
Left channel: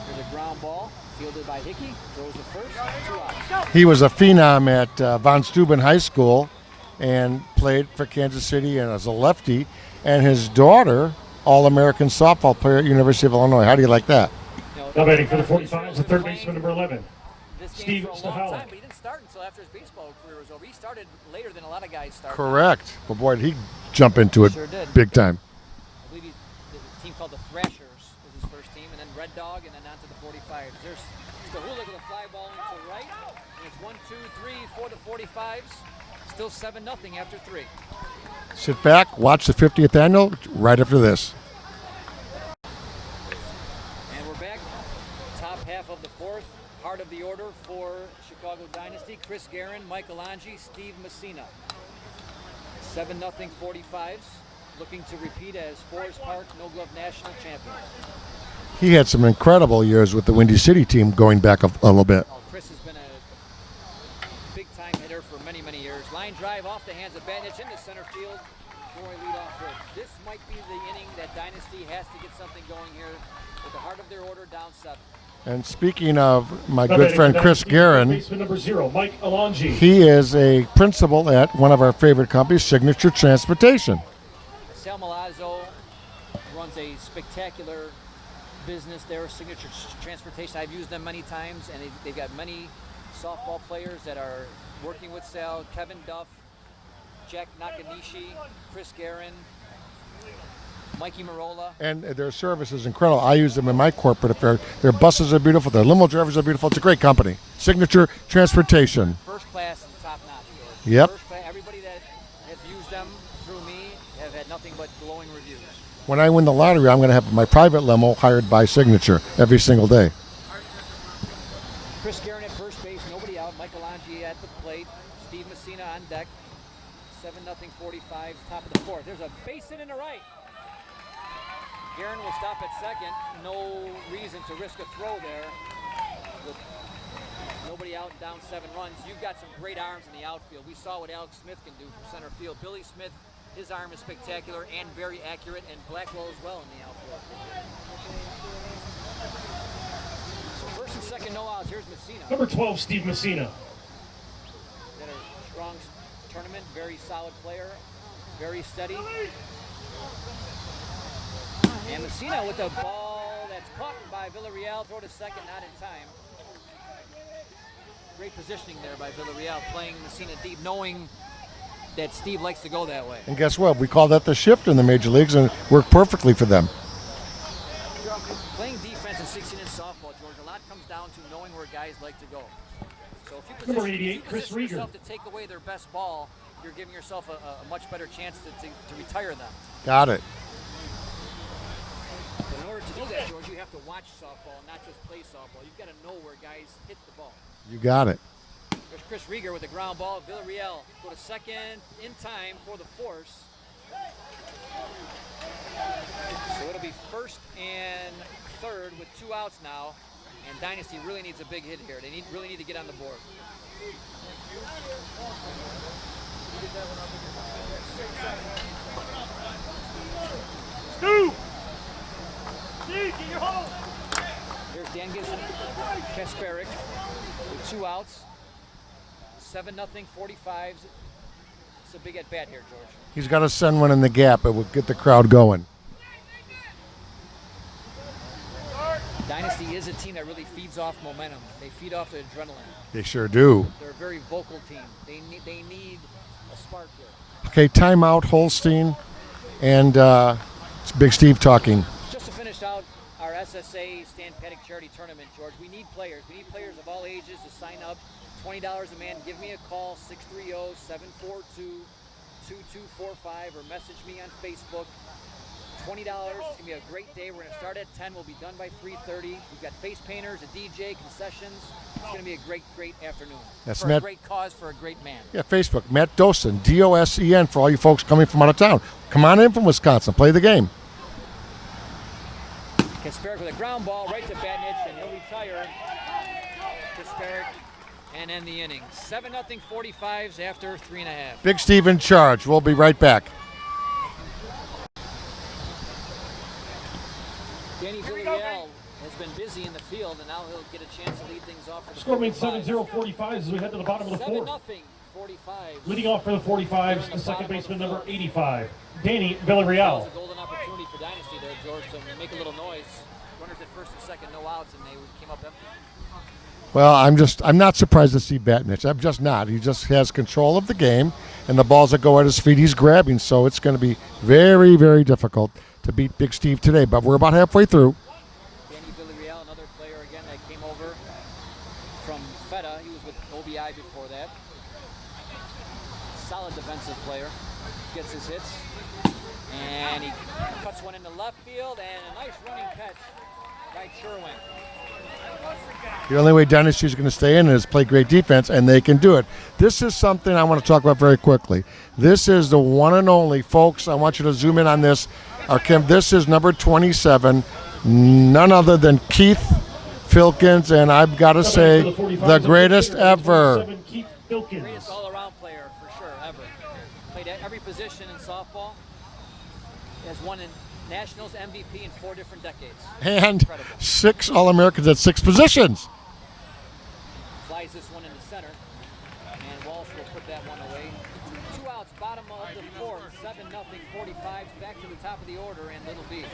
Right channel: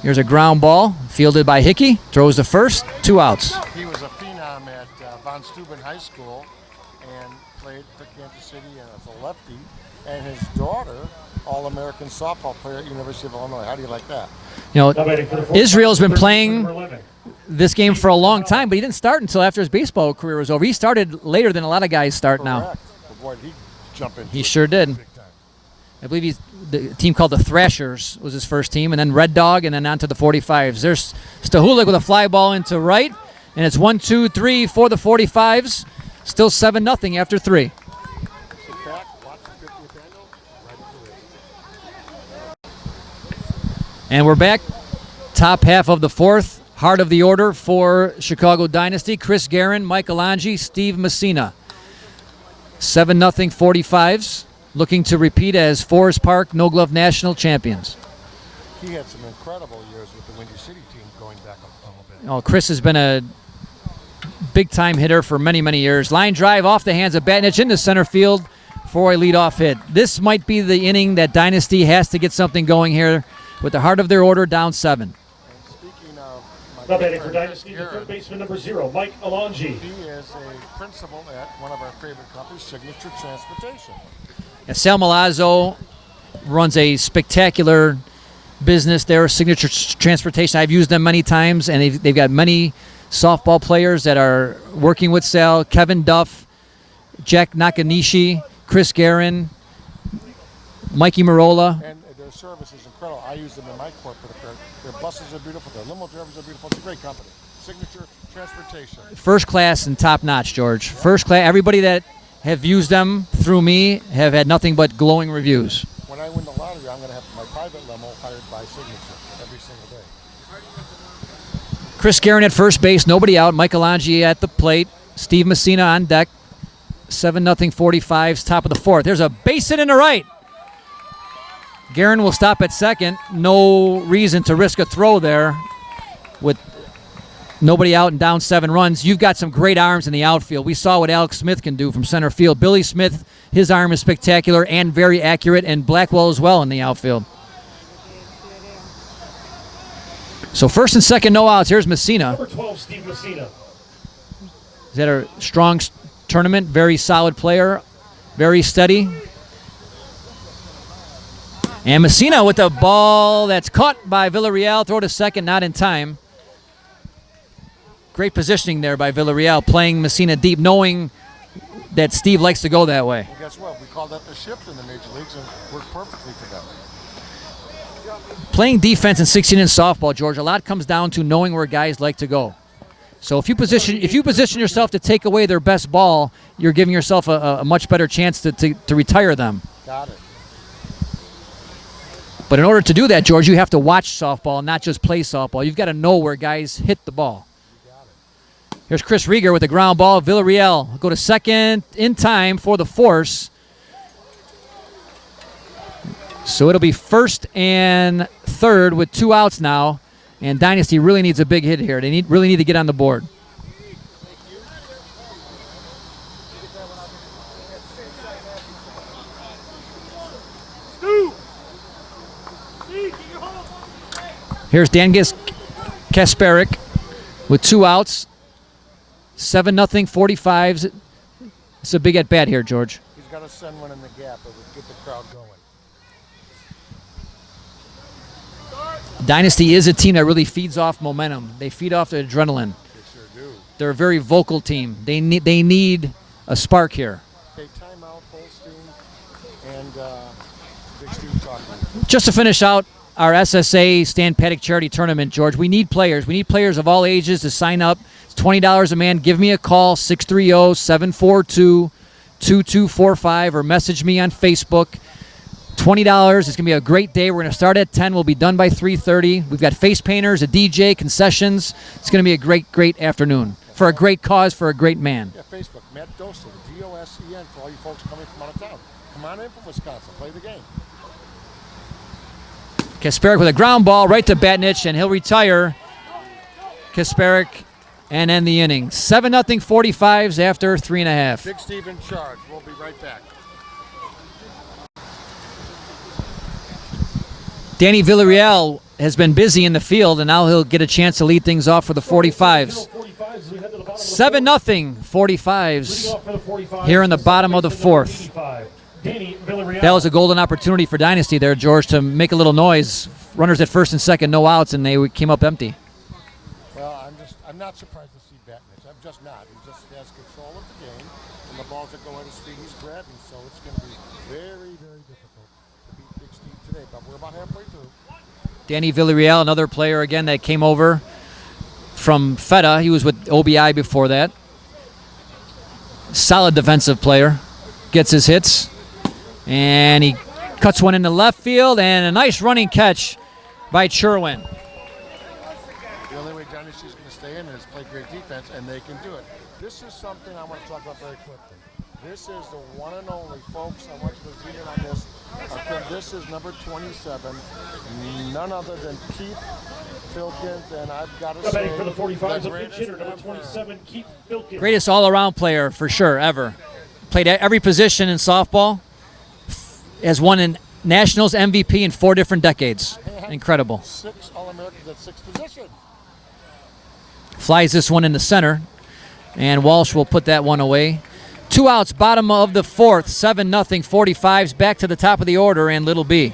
Here's a ground ball fielded by Hickey. Throws to first. 2 outs. He was a phenom at Von Steuben High School and played for Kansas City and as a lefty. And his daughter, All-American softball player at University of Illinois. How do you like that? You know, Israel's been playing this game for a long time, but he didn't start until after his baseball career was over. He started later than a lot of guys start now. Correct. Well, boy, did he jump into it. Sure did. Big time. I believe the team called the Thrashers was his first team, and then Red Dog, and then on to the 45s. There's Stahulik with a fly ball into right, and it's 1-2-3 for the 45s. Still 7-0 after 3. Sit back, watch the 50th annual right after this. And we're back. Top half of the 4th. Heart of the order for Chicago Dynasty. Chris Garin, Michael Angie, Steve Mussina. 7-0 45s. Looking to repeat as Forest Park No Glove National champions. He had some incredible years with the Windy City team going back a little bit. Oh, Chris has been a big-time hitter for many, many years. Line drive off the hands of Batnich into center field for a leadoff hit. This might be the inning that Dynasty has to get something going here with the heart of their order down 7. And speaking of my good friend Chris Garin, he is a principal at one of our favorite companies, Signature Transportation. Sal Malazzo runs a spectacular business there, Signature Transportation. I've used them many times, and they've got many softball players that are working with Sal. Kevin Duff, Jack Nakanishi, Chris Garin, Mikey Marola. And their service is incredible. I use them in my corporate affair. Their buses are beautiful. Their limo drivers are beautiful. It's a great company. Signature Transportation. First class and top notch, George. Yep. First class. Everybody that have used them through me have had nothing but glowing reviews. When I win the lottery, I'm going to have my private limo hired by Signature every single day. Chris Garin at first base, nobody out. Michelangelo at the plate. Steve Mussina on deck. 7-0 45s, top of the fourth. There's a base hit in the right. Garin will stop at second. No reason to risk a throw there with nobody out and down 7 runs. You've got some great arms in the outfield. We saw what Alex Smith can do from center field. Billy Smith, his arm is spectacular and very accurate, and Blackwell as well in the outfield. So first and second, no outs. Here's Mussina. Number 12, Steve Mussina. He's had a strong tournament, very solid player, very steady. And Mussina with the ball that's caught by Villarreal. Throw to second, not in time. Great positioning there by Villarreal, playing Mussina deep, knowing that Steve likes to go that way. And guess what? We call that the shift in the major leagues, and it worked perfectly for them. Playing defense in 16-inch softball, George, a lot comes down to knowing where guys like to go. So if you position yourself to take away their best ball, you're giving yourself a much better chance to retire them. Got it. But in order to do that, George, you have to watch softball, not just play softball. You've got to know where guys hit the ball. You got it. Here's Chris Rieger with a ground ball. Villarreal go to second in time for the force. So it'll be first and third with 2 outs now. And Dynasty really needs a big hit here. They really need to get on the board. Here's Dangis Kasparik with 2 outs. 7-0 45s. It's a big at bat here, George. He's got to send one in the gap. It will get the crowd going. Dynasty is a team that really feeds off momentum. They feed off the adrenaline. They sure do. They're a very vocal team. They need a spark here. Okay, timeout, Holstein, and it's Big Steve talking. Just to finish out our SSA Stan Paddock Charity Tournament, George, we need players. We need players of all ages to sign up. It's $20 a man. Give me a call, 630-742-2245, or message me on Facebook. $20. It's going to be a great day. We're going to start at 10. We'll be done by 3:30. We've got face painters, a DJ, concessions. It's going to be a great afternoon for a great cause, for a great man. Yeah, Facebook, Matt Dosen, Dosen, for all you folks coming from out of town. Come on in from Wisconsin. Play the game. Kasparik with a ground ball right to Batnich, and he'll retire. Kasparik and end the inning. 7-0 45s after 3.5. Big Steve in charge. We'll be right back. Danny Villarreal has been busy in the field, and now he'll get a chance to lead things off for the 45s. 7-0 45s here in the bottom of the fourth. That was a golden opportunity for Dynasty there, George, to make a little noise. Runners at first and second, no outs, and they came up empty. Well, I'm not surprised to see Batnich. I'm just not. He just has control of the game, and the balls that go at his feet, he's grabbing. So it's going to be very, very difficult to beat Big Steve today, but we're about halfway through. Danny Villarreal, another player again that came over from Feta. He was with OBI before that. Solid defensive player. Gets his hits. And he cuts one into left field, and a nice running catch by Sherwin. The only way Dynasty is going to stay in is play great defense, and they can do it. This is something I want to talk about very quickly. This is the one and only, folks. I want you to zoom in on this. This is number 27, none other than Keith Filkins, and I've got to say, the greatest ever. Greatest all-around player, for sure, ever. Played every position in softball. Has won in Nationals MVP in 4 different decades. And incredible. 6 All-Americans at 6 positions. Flies this one in the center, and Walsh will put that one away. 2 outs, bottom of the fourth, 7-0, 45s, back to the top of the order, and Little B.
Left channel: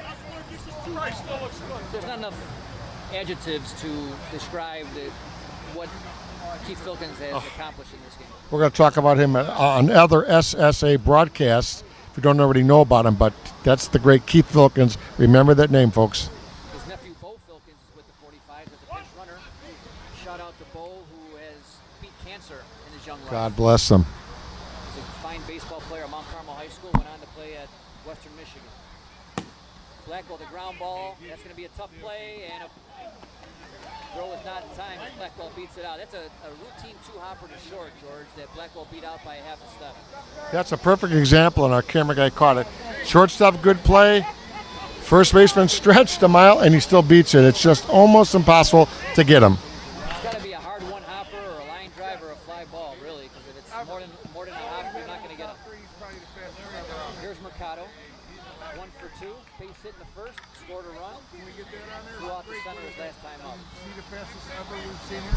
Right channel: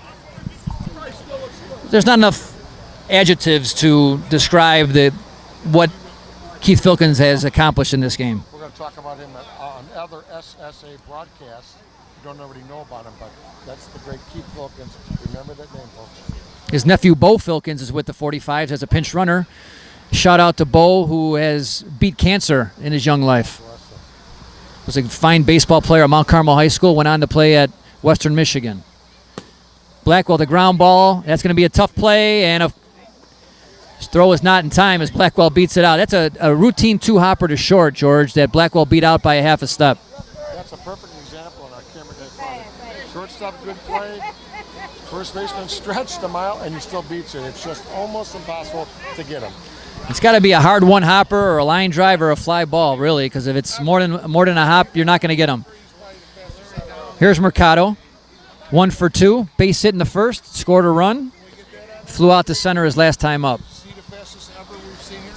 There's not enough adjectives to describe what Keith Filkins has accomplished in this game. We're going to talk about him on other SSA broadcasts. If you don't already know about him, but that's the great Keith Filkins. Remember that name, folks. His nephew, Bo Filkins, is with the 45s as a pinch runner. Shout out to Bo, who has beat cancer in his young life. God bless him. Was a fine baseball player at Mount Carmel High School, went on to play at Western Michigan. Blackwell, the ground ball. That's going to be a tough play, and his throw is not in time as Blackwell beats it out. That's a routine two-hopper to short, George, that Blackwell beat out by a half a step. That's a perfect example, and our camera guy caught it. Shortstop, good play. First baseman stretched a mile, and he still beats it. It's just almost impossible to get him. It's got to be a hard one-hopper or a line drive or a fly ball, really, because if it's more than a hop, you're not going to get him. Here's Mercado. 1 for 2. Base hit in the first. Scored a run. Flew out to center his last time up.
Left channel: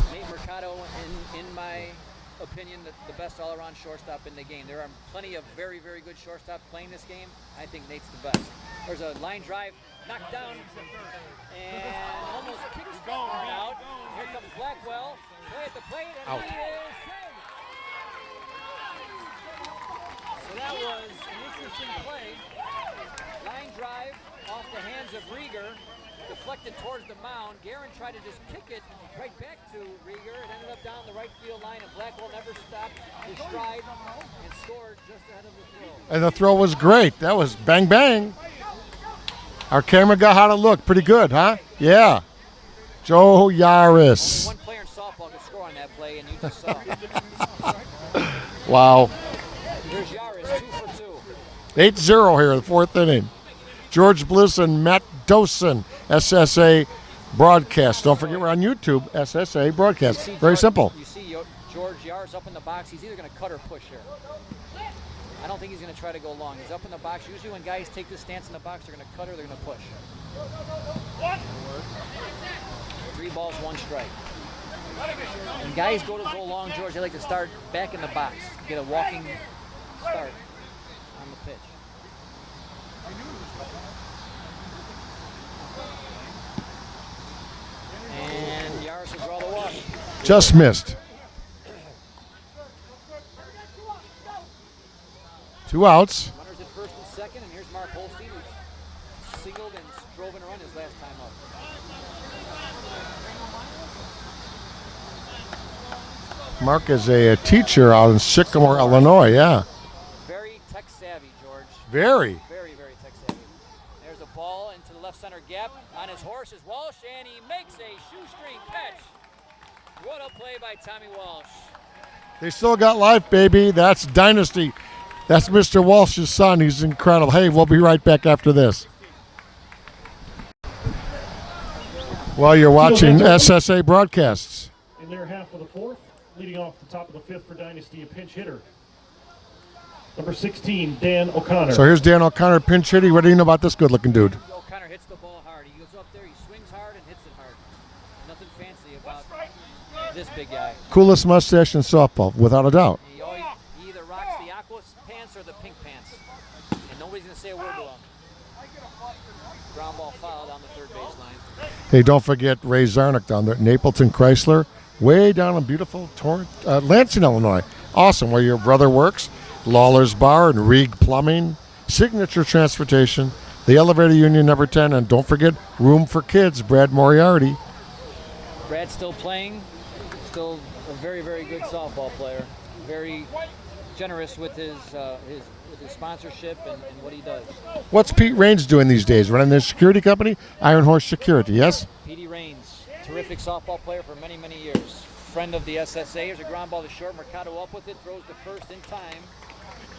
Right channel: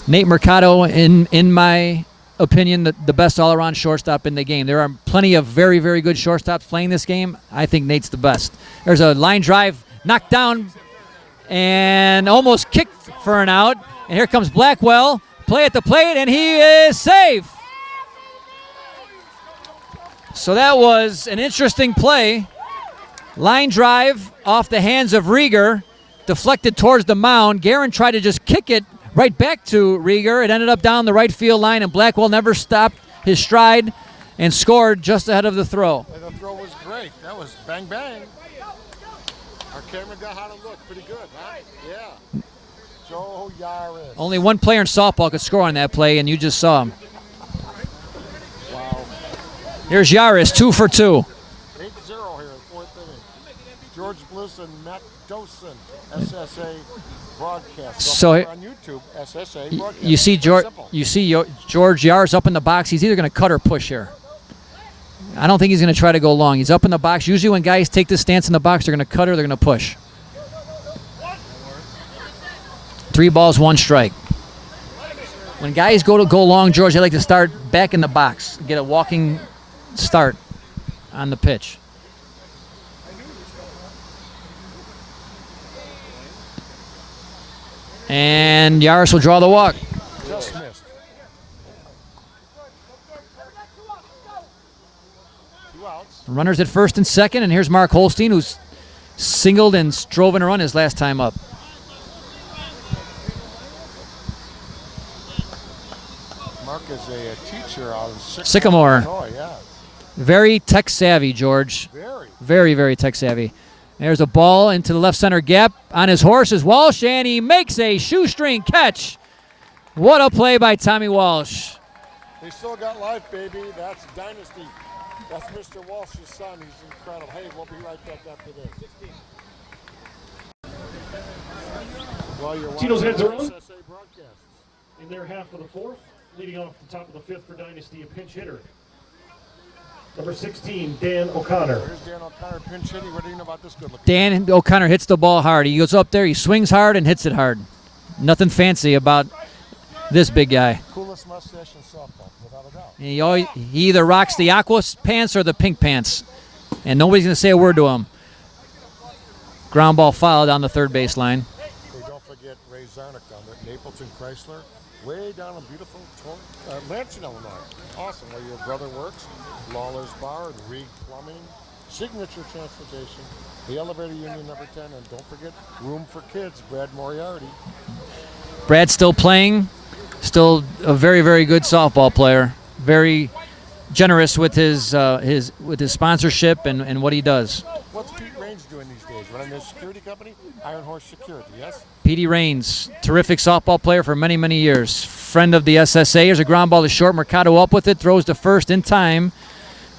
Nate Mercado, in my opinion, the best all-around shortstop in the game. There are plenty of very, very good shortstops playing this game. I think Nate's the best. There's a line drive, knocked down, and almost kicked for an out. And here comes Blackwell. Play at the plate, and he is safe. So that was an interesting play. Line drive off the hands of Rieger, deflected towards the mound. Garin tried to just kick it right back to Rieger. It ended up down the right field line, and Blackwell never stopped his stride and scored just ahead of the throw. And the throw was great. That was bang, bang. Our camera got how to look. Pretty good, huh? Yeah. Joe Yaris. Only one player in softball could score on that play, and you just saw him. Wow. Here's Yaris, 2 for 2. 8-0 here in the fourth inning. George Bliss and Matt Dosen, SSA broadcast. So we're on YouTube, SSA broadcast. You see Very simple. You see George Yaris up in the box. He's either going to cut or push here. I don't think he's going to try to go long. He's up in the box. Usually when guys take this stance in the box, they're going to cut or they're going to push. 3 balls, 1 strike. When guys go long, George, they like to start back in the box, get a walking start on the pitch. And Yaris will draw the walk. Just missed. 2 outs. Runners at first and second, and here's Mark Holstein, who's singled and drove in a run his last time up. Mark is a teacher out in Sycamore, Illinois, yeah. Very tech savvy, George. Very. Very, very tech savvy. There's a ball into the left center gap. On his horse is Walsh, and he makes a shoestring catch. What a play by Tommy Walsh. They still got life, baby. That's Dynasty. That's Mr. Walsh's son. He's incredible. Hey, we'll be right back after this. Well, you're watching SSA broadcasts. In their half of the fourth, leading off the top of the fifth for Dynasty, a pinch hitter. Number 16, Dan O'Connor. So here's Dan O'Connor, pinch hitting. What do you know about this good-looking dude? Dan O'Connor hits the ball hard. He goes up there, he swings hard, and hits it hard. Nothing fancy about this big guy. Coolest mustache in softball, without a doubt. He either rocks the aqua pants or the pink pants, and nobody's going to say a word to him. Ground ball foul down the third baseline. Hey, don't forget Ray Zarnick down there at Napleton Chrysler, way down in beautiful Lansing, Illinois. Awesome, where your brother works. Lawler's Bar and Reed Plumbing, Signature Transportation, the Elevator Union number 10, and don't forget Room for Kids, Brad Moriarty. Brad's still playing, still a very, very good softball player. Very generous with his sponsorship and what he does. What's Pete Raines doing these days? Running their security company, Iron Horse Security, yes? Petey Raines, terrific softball player for many, many years. Friend of the SSA. Here's a ground ball to short. Mercado up with it, throws to first in time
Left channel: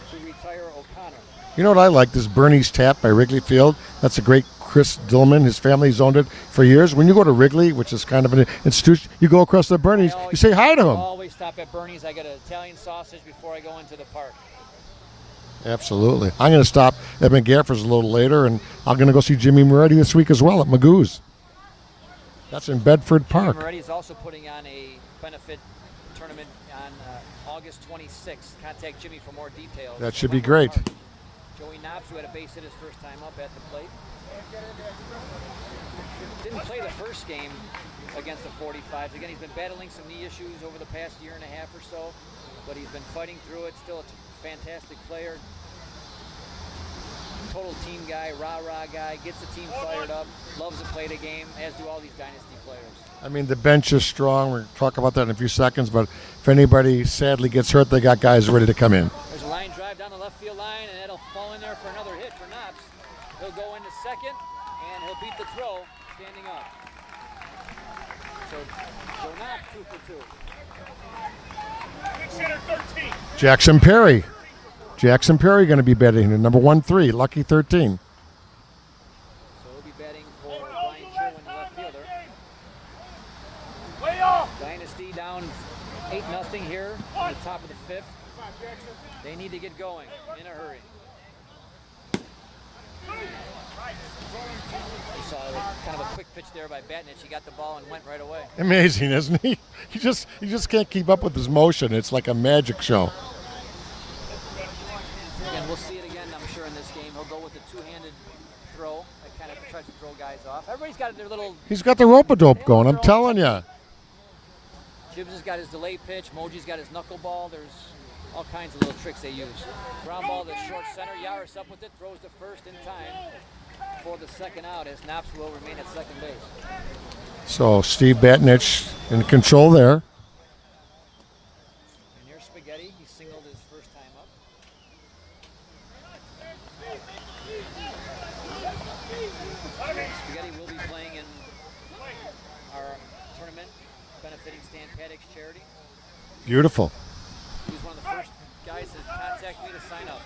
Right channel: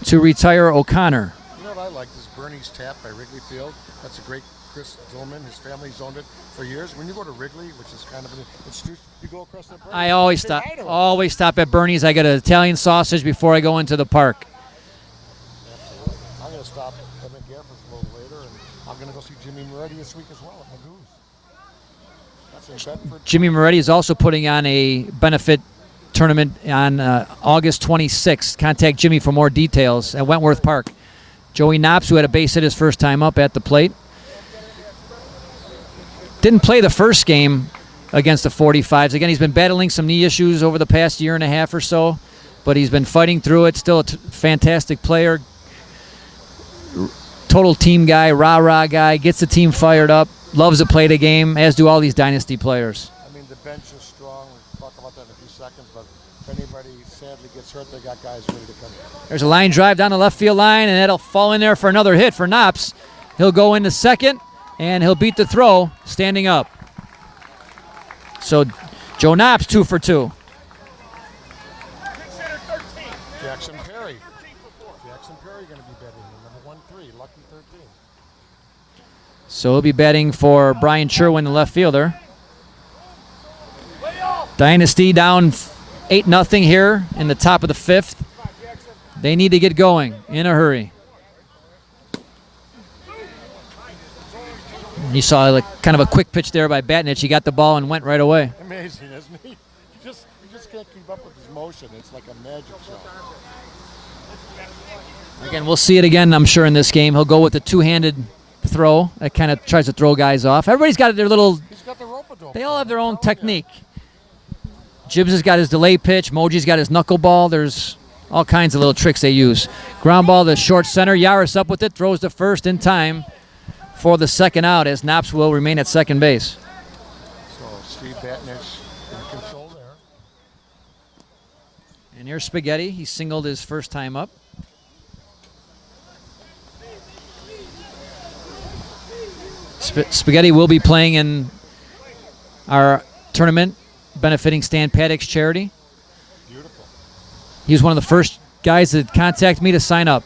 to retire O'Connor. You know what I like? This Bernie's Tap by Wrigley Field. That's a great Chris Dillman. His family's owned it for years. When you go to Wrigley, which is kind of an institution, you go across the Bernie's. I always say hi to him. Always stop at Bernie's. I get an Italian sausage before I go into the park. Absolutely. I'm going to stop at McGaffrey's a little later, and I'm going to go see Jimmy Moretti this week as well at Magoo's. That's in Bedford Jimmy Park. Moretti is also putting on a benefit tournament on August 26th. Contact Jimmy for more details at Wentworth Park. Joey Knops, who had a base hit his first time up at the plate. Didn't play the first game against the 45s. Again, he's been battling some knee issues over the past year and a half or so, but he's been fighting through it. Still a fantastic player. Total team guy, rah-rah guy, gets the team fired up, loves to play the game, as do all these Dynasty players. I mean, the bench is strong. We're going to talk about that in a few seconds, but if anybody sadly gets hurt, they got guys ready to come in. There's a line drive down the left field line, and that'll fall in there for another hit for Knops. He'll go into second, and he'll beat the throw standing up. So Joe Knops 2 for 2. Jackson Perry. Jackson Perry going to be batting here, number 1-3, lucky 13. So he'll be batting for Bryan Sherwin, the left fielder. Dynasty down 8-0 here in the top of the 5th. They need to get going in a hurry. You saw like kind of a quick pitch there by Batnich. He got the ball and went right away. Amazing, isn't he? He just can't keep up with his motion. It's like a magic show. Again, we'll see it again, I'm sure, in this game. He'll go with the two-handed throw. That kind of tries to throw guys off. Everybody's got their little... He's got the rope-a-dope They all have going, their I'm own telling you. technique. Jibbs has got his delay pitch. Moji's got his knuckleball. There's all kinds of little tricks they use. Ground ball to short center. Yaris up with it. Throws to first in time for the second out, as Knops will remain at second base. So Steve Batnich in control there. And here's Spaghetti. He singled his first time up. Spaghetti will be playing in our tournament benefiting Stan Paddock's charity. Beautiful. He was one of the first guys that contacted me to sign up.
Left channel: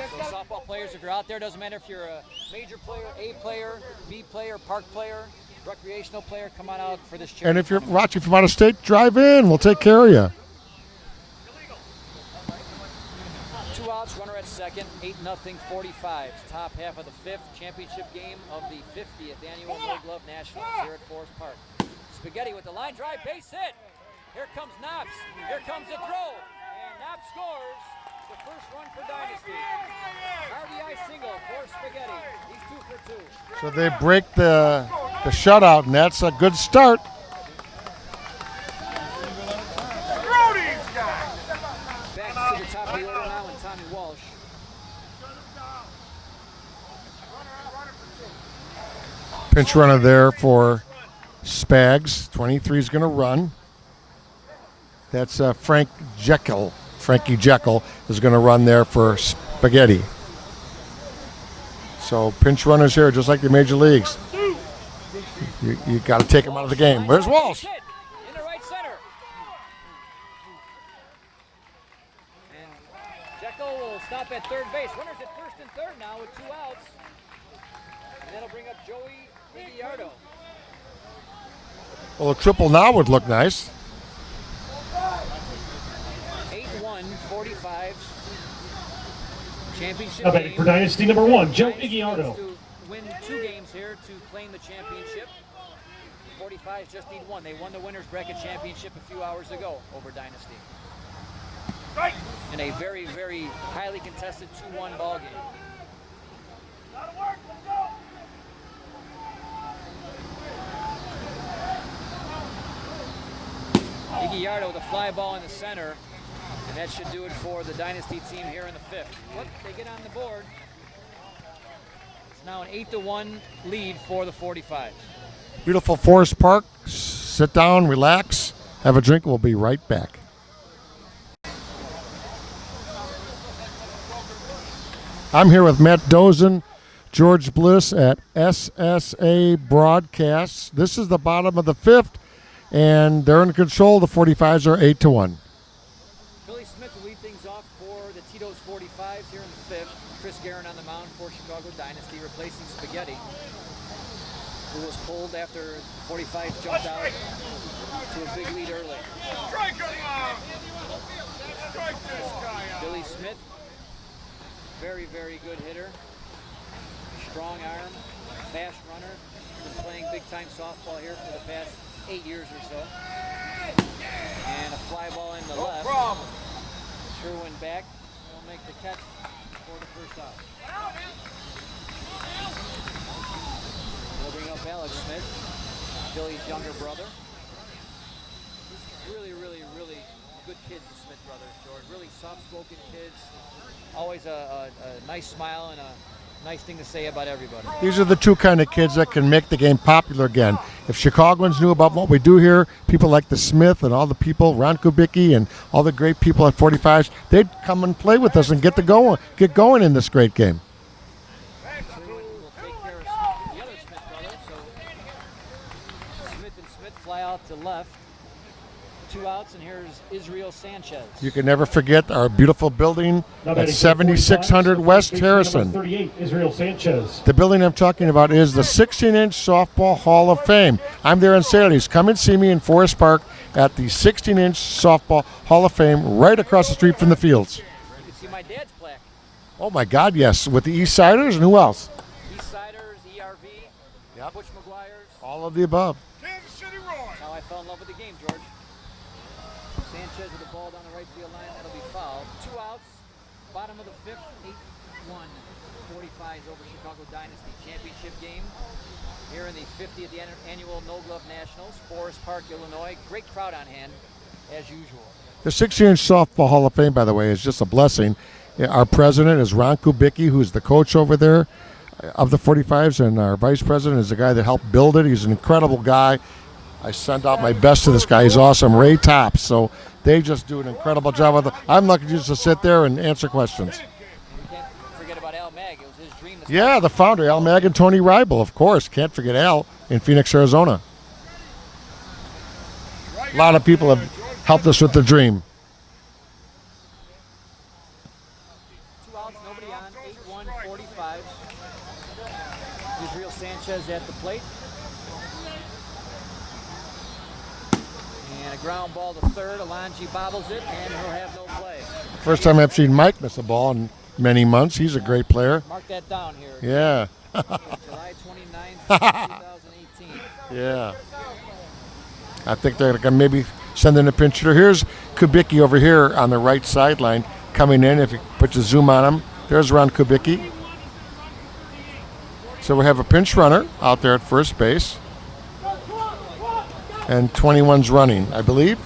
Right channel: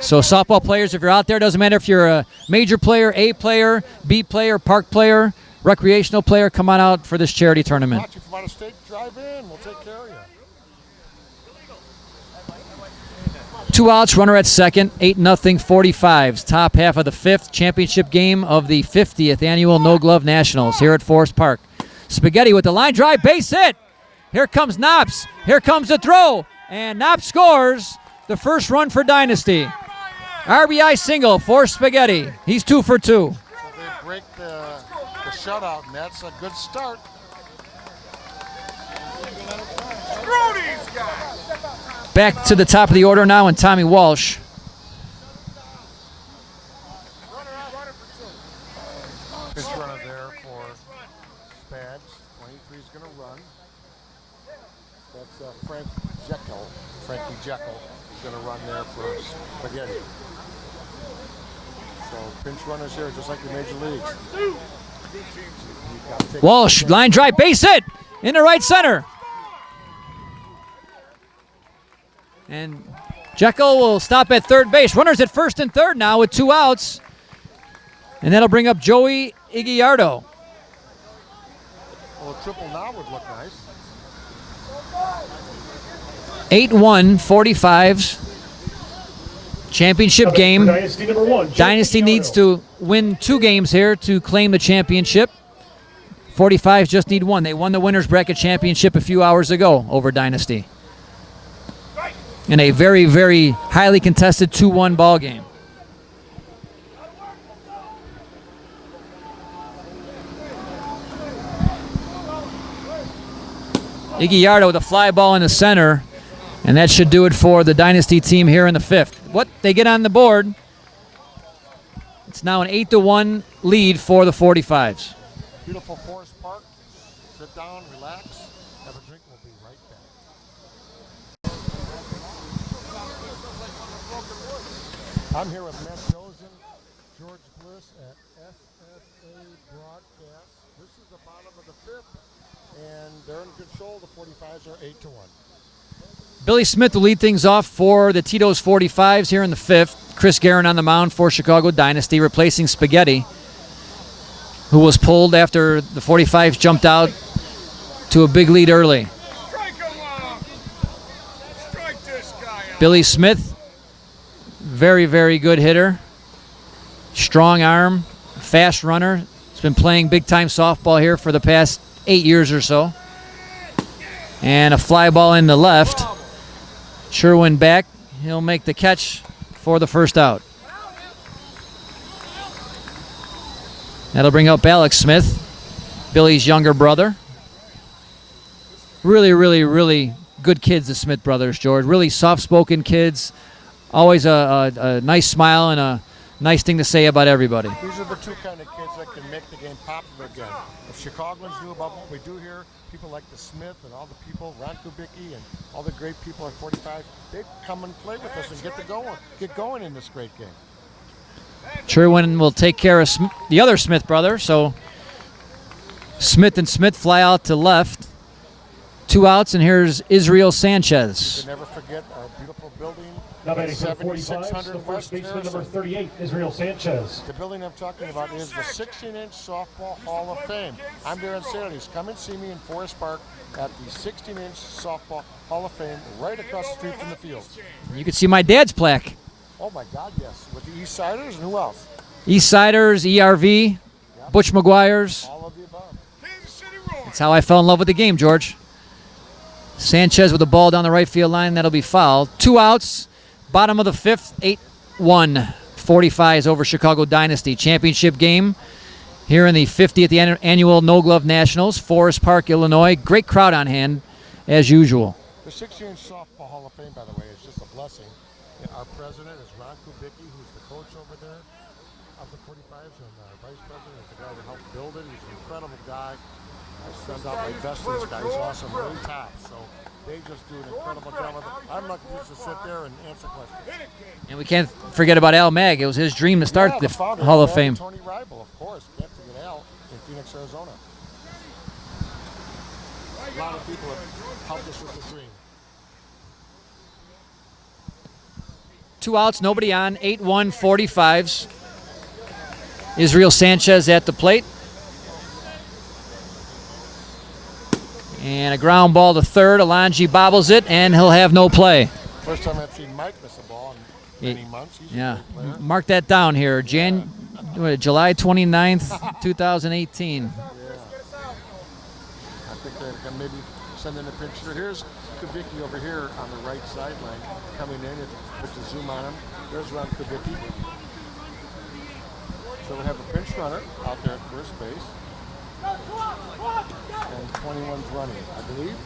So softball players, if you're out there, doesn't matter if you're a major player, A player, B player, park player, recreational player, come on out for this charity tournament. If you're watching from out of state, drive in. We'll take care of you. 2 outs, runner at second, 8-0 45s. Top half of the 5th championship game of the 50th annual No Glove Nationals here at Forest Park. Spaghetti with the line drive, base hit. Here comes Knops. Here comes the throw. And Knops scores the first run for Dynasty. RBI single for Spaghetti. He's 2 for 2. So they break the shutout, and that's a good start. Back to the top of the order now, and Tommy Walsh. Pinch runner there for Spags. 23 is going to run. That's Frankie Jekyll is going to run there for Spaghetti. So pinch runners here, just like the major leagues. You got to take Walsh, line drive, base hit in the right center. And Jekyll will stop at third base. Runners at first and third now with 2 outs. And that'll bring up Joey Iguiardo. Well, a triple now would look nice. 8-1, 45s. Championship game. Dynasty number 1. Dynasty needs to win 2 games here to claim the championship. 45s just need 1. They won the winner's bracket championship a few hours ago over Dynasty in a very, very highly contested 2-1 ball game. Iguiardo with a fly ball in the center, and that should do it for the Dynasty team here in the 5th. What they get on the board, it's now an 8-1 lead for the 45s. Beautiful Forest Park. Sit down, relax, have a drink. We'll be right back. I'm here with Matt Dosen, George Bliss at SSA Broadcasts. This is the bottom of the 5th, and they're in control. The 45s are 8-1. Billy Smith will lead things off for the Tito's 45s here in the 5th. Chris Garin on the mound for Chicago Dynasty, replacing Spaghetti, who was pulled after the 45s jumped out to a big lead early. Billy Smith, very, very good hitter. Strong arm, fast runner. He's been playing big-time softball here for the past 8 years or so. And a fly ball in the left. Sherwin back. He'll make the catch for the first out. That'll bring up Alex Smith, Billy's younger brother. Really, really, really good kids, the Smith brothers, George. Really soft-spoken kids. Always a nice smile and a nice thing to say about everybody. These are the two kind of kids that can make the game popular again. If Chicagoans knew about what we do here, people like the Smith and all the people, Ron Kubicki and all the great people at 45s, they'd come and play with us and get going in this great game. Sherwin will take care of the other Smith brother, so Smith and Smith fly out to left. 2 outs, and here's Israel Sanchez. You can never forget our beautiful building at 7600 West Harrison. 38, Israel Sanchez. The building I'm talking about is the 16-inch Softball Hall of Fame. I'm there on Saturdays. Come and see me in Forest Park at the 16-inch Softball Hall of Fame right across the street from the fields. You can see my dad's plaque. Oh, my God, yes. With the East Siders and who else? East Siders, ERV, Butch McGuire's. All of the above. That's how I fell in love with the game, George. Sanchez with the ball down the right field line. That'll be fouled. 2 outs. Bottom of the 5th. 8-1. 45s over Chicago Dynasty. Championship game here in the 50th annual No Glove Nationals. Forest Park, Illinois. Great crowd on hand, as usual. The 16-inch Softball Hall of Fame, by the way, is just a blessing. Our president is Ron Kubicki, who's the coach over there of the 45s, and our vice president is the guy that helped build it. He's an incredible guy. I send out my best to this guy. He's awesome. Ray Tops. So they just do an incredible job with it. I'm lucky just to sit there and answer questions. And we can't forget about Al Mag. It was his dream to start the founder, Hall Al of Mag Fame. and Tony Ribel, of course. Can't forget Al in Phoenix, Arizona. A lot of people have helped us with the dream. 2 outs, nobody on. 8-1, 45s. Israel Sanchez at the plate. And a ground ball to third. Alonji bobbles it, and he'll have no play. First time I've seen Mike miss a ball in many months. He's a great player. Mark that down here. Yeah. July 29th, 2018. Yeah. I think they're going to maybe send in a pinch hitter. Here's Kubicki over here on the right sideline coming in. If you put your zoom on him, there's Ron Kubicki. So we have a pinch runner out there at first base. And 21's running, I believe.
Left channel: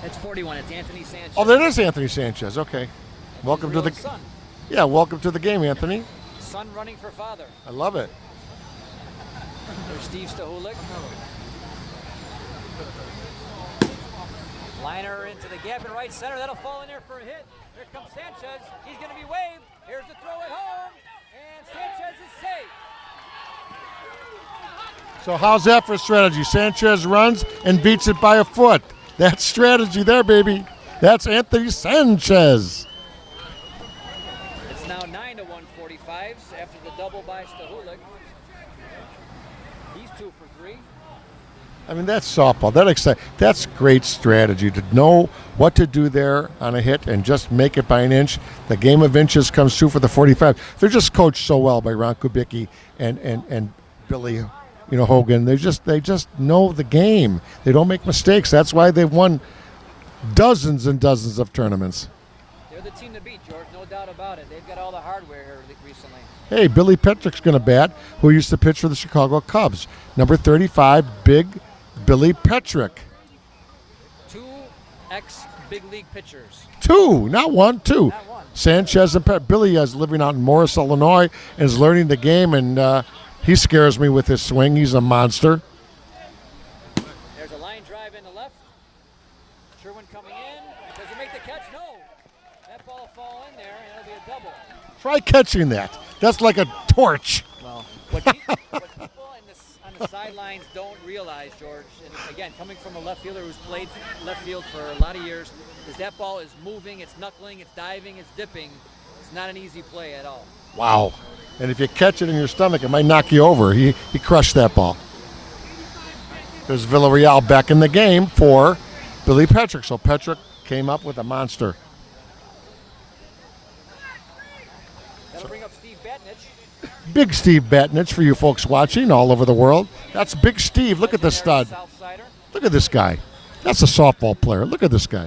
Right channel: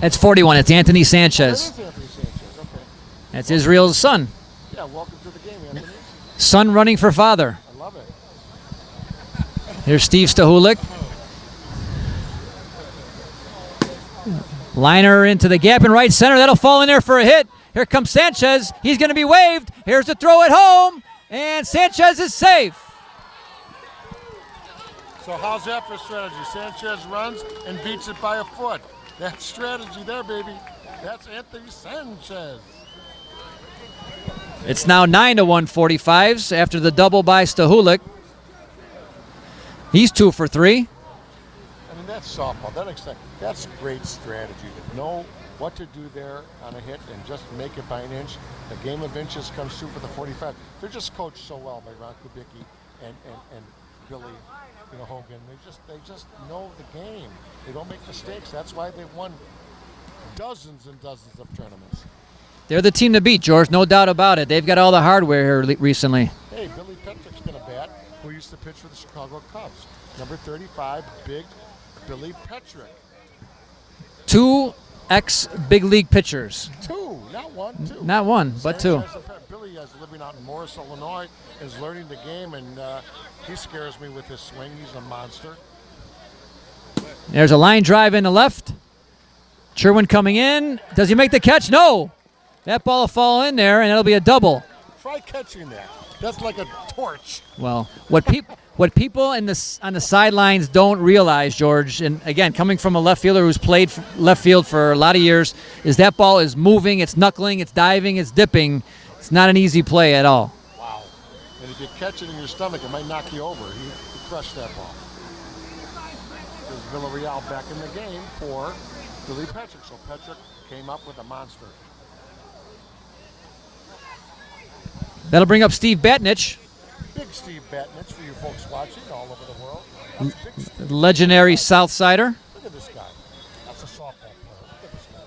That's 41. It's Anthony Sanchez. Oh, that is Anthony Sanchez. Okay. That's Welcome Israel's son. Yeah, welcome to the game, Anthony. Son running for father. I love it. Here's Steve Stahulik. Liner into the gap in right center. That'll fall in there for a hit. Here comes Sanchez. He's going to be waved. Here's the throw at home. And Sanchez is safe. So how's that for strategy? Sanchez runs and beats it by a foot. That's strategy there, baby. That's Anthony Sanchez. It's now 9-1 45s after the double by Stahulik. He's 2 for 3. I mean, that's softball. That's great strategy to know what to do there on a hit and just make it by an inch. The game of inches comes through for the 45. They're just coached so well by Ron Kubicki and Billy, Hogan. They just know the game. They don't make mistakes. That's why they've won dozens and dozens of tournaments. They're the team to beat, George. No doubt about it. They've got all the hardware here recently. Hey, Billy Petrick's going to bat, who used to pitch for the Chicago Cubs. Number 35, Big Billy Petrick. 2 ex-big league pitchers. 2, not 1, 2. Not 1, Sanchez and Billy is living out in Morris, Illinois, and is learning the game, and he scares me with his swing. He's a monster. There's a line drive in the left. Sherwin coming in. Does he make the catch? No. That ball will fall in there, and it'll be a double. Try catching that. That's like a torch. Well, what people on the sidelines don't realize, George, and again, coming from a left fielder who's played left field for a lot of years, is that ball is moving, it's knuckling, it's diving, it's dipping. It's not an easy play at all. Wow. And if you catch it in your stomach, it might knock you over. He crushed that ball. There's Villarreal back in the game for Billy Petrick. So Petrick came up with a monster. That'll bring up Steve Batnich. Big Steve Batnich for you folks watching all over the world. That's Big Steve. Legendary Look at the stud. Southsider. Look at this guy. That's a softball player. Look at this guy.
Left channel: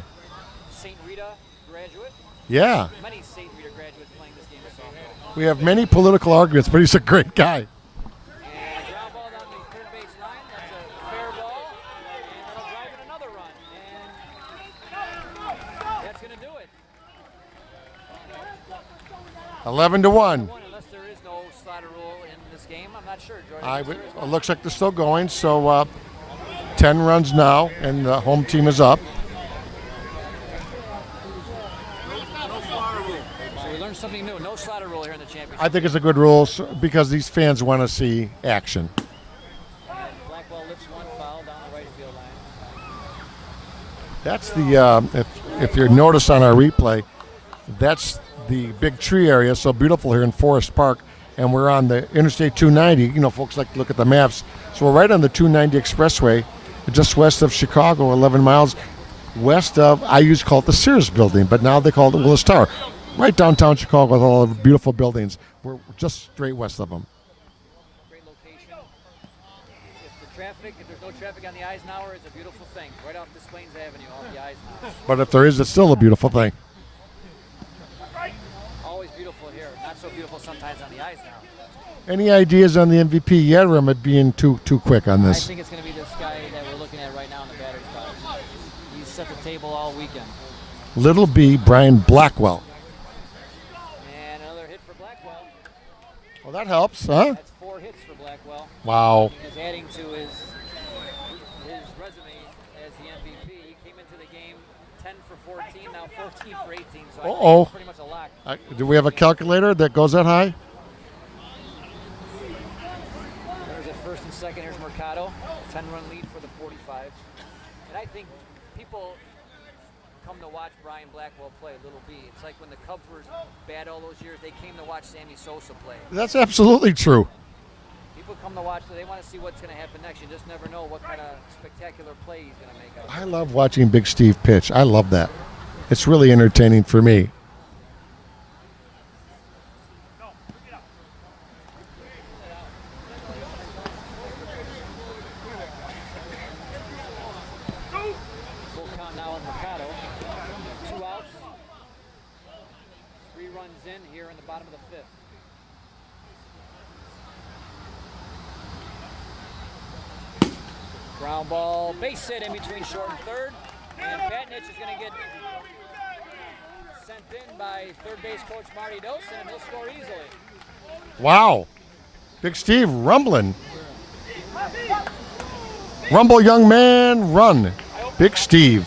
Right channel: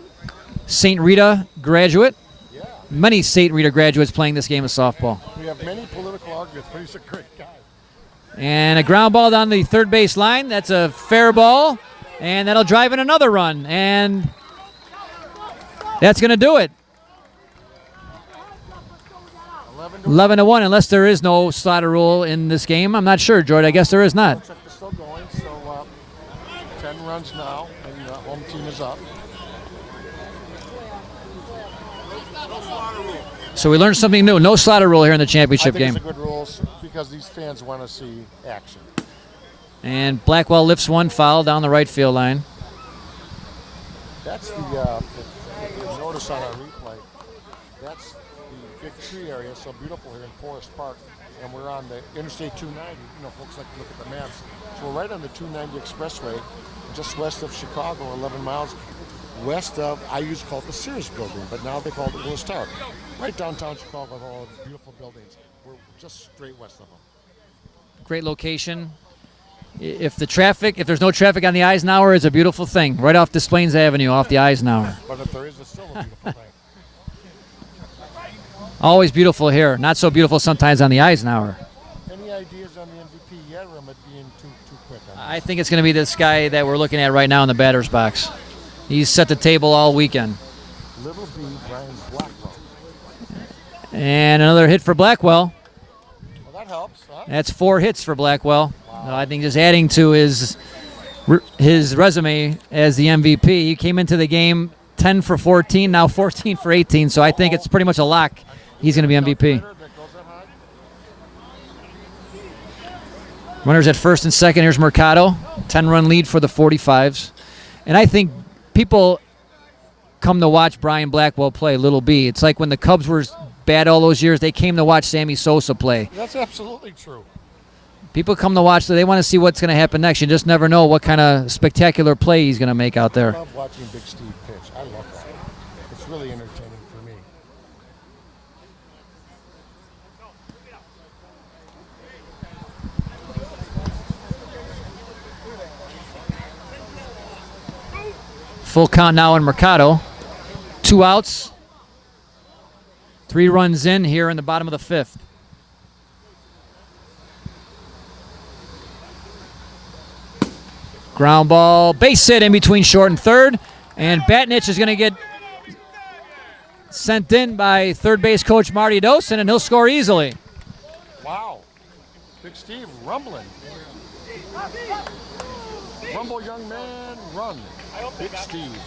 St. Rita graduate. Yeah. Many St. Rita graduates playing this game of softball. We have many political arguments, but he's a great guy. And a ground ball down the third base line. That's a fair ball. And that'll drive in another run. And that's going to do it. 11-1. 11-1, unless there is no slaughter rule in this game. I'm not sure, George. I guess there is not. Looks like they're still going. So 10 runs now, and the home team is up. So we learned something new. No slaughter rule here in the championship I think game. it's a good rule because these fans want to see action. And Blackwell lifts one foul down the right field line. That's the, if you notice on our replay, that's the big tree area, so beautiful here in Forest Park. And we're on the Interstate 290. You know, folks like to look at the maps. So we're right on the 290 Expressway, just west of Chicago, 11 miles west of, I used to call it the Sears building, but now they call it Willis Tower. Right downtown Chicago with all the beautiful buildings. We're just straight west of them. Great location. If there's no traffic on the Eisenhower, it's a beautiful thing. Right off Des Plaines Avenue, off the Eisenhower. But if there is, it's still a beautiful thing. Always beautiful here. Not so beautiful sometimes on the Eisenhower. Any ideas on the MVP yet, or am I being too quick on this? I think it's going to be this guy that we're looking at right now in the batter's box. He's set the table all weekend. Little B, Brian Blackwell. And another hit for Blackwell. Well, that helps, huh? That's 4 hits for Blackwell. Wow. I think just adding to his resume as the MVP. He came into the game 10 for 14, now 14 for 18, so I think it's pretty much a lock. Do we have a calculator that goes that high? Runners at first and second. Here's Mercado. 10-run lead for the 45s. And I think people come to watch Brian Blackwell play, Little B. It's like when the Cubs were bad all those years, they came to watch Sammy Sosa play. That's absolutely true. People come to watch, they want to see what's going to happen next. You just never know what kind of spectacular play he's going to make out there. I love watching Big Steve pitch. I love that. It's really entertaining for me. Full count now in Mercado. 2 outs. 3 runs in here in the bottom of the 5th. Ground ball, base hit in between short and third. And Batnich is going to get sent in by third base coach Marty Dosen, and he'll score easily. Wow. Big Steve rumbling. Rumble, young man, run. Big Steve.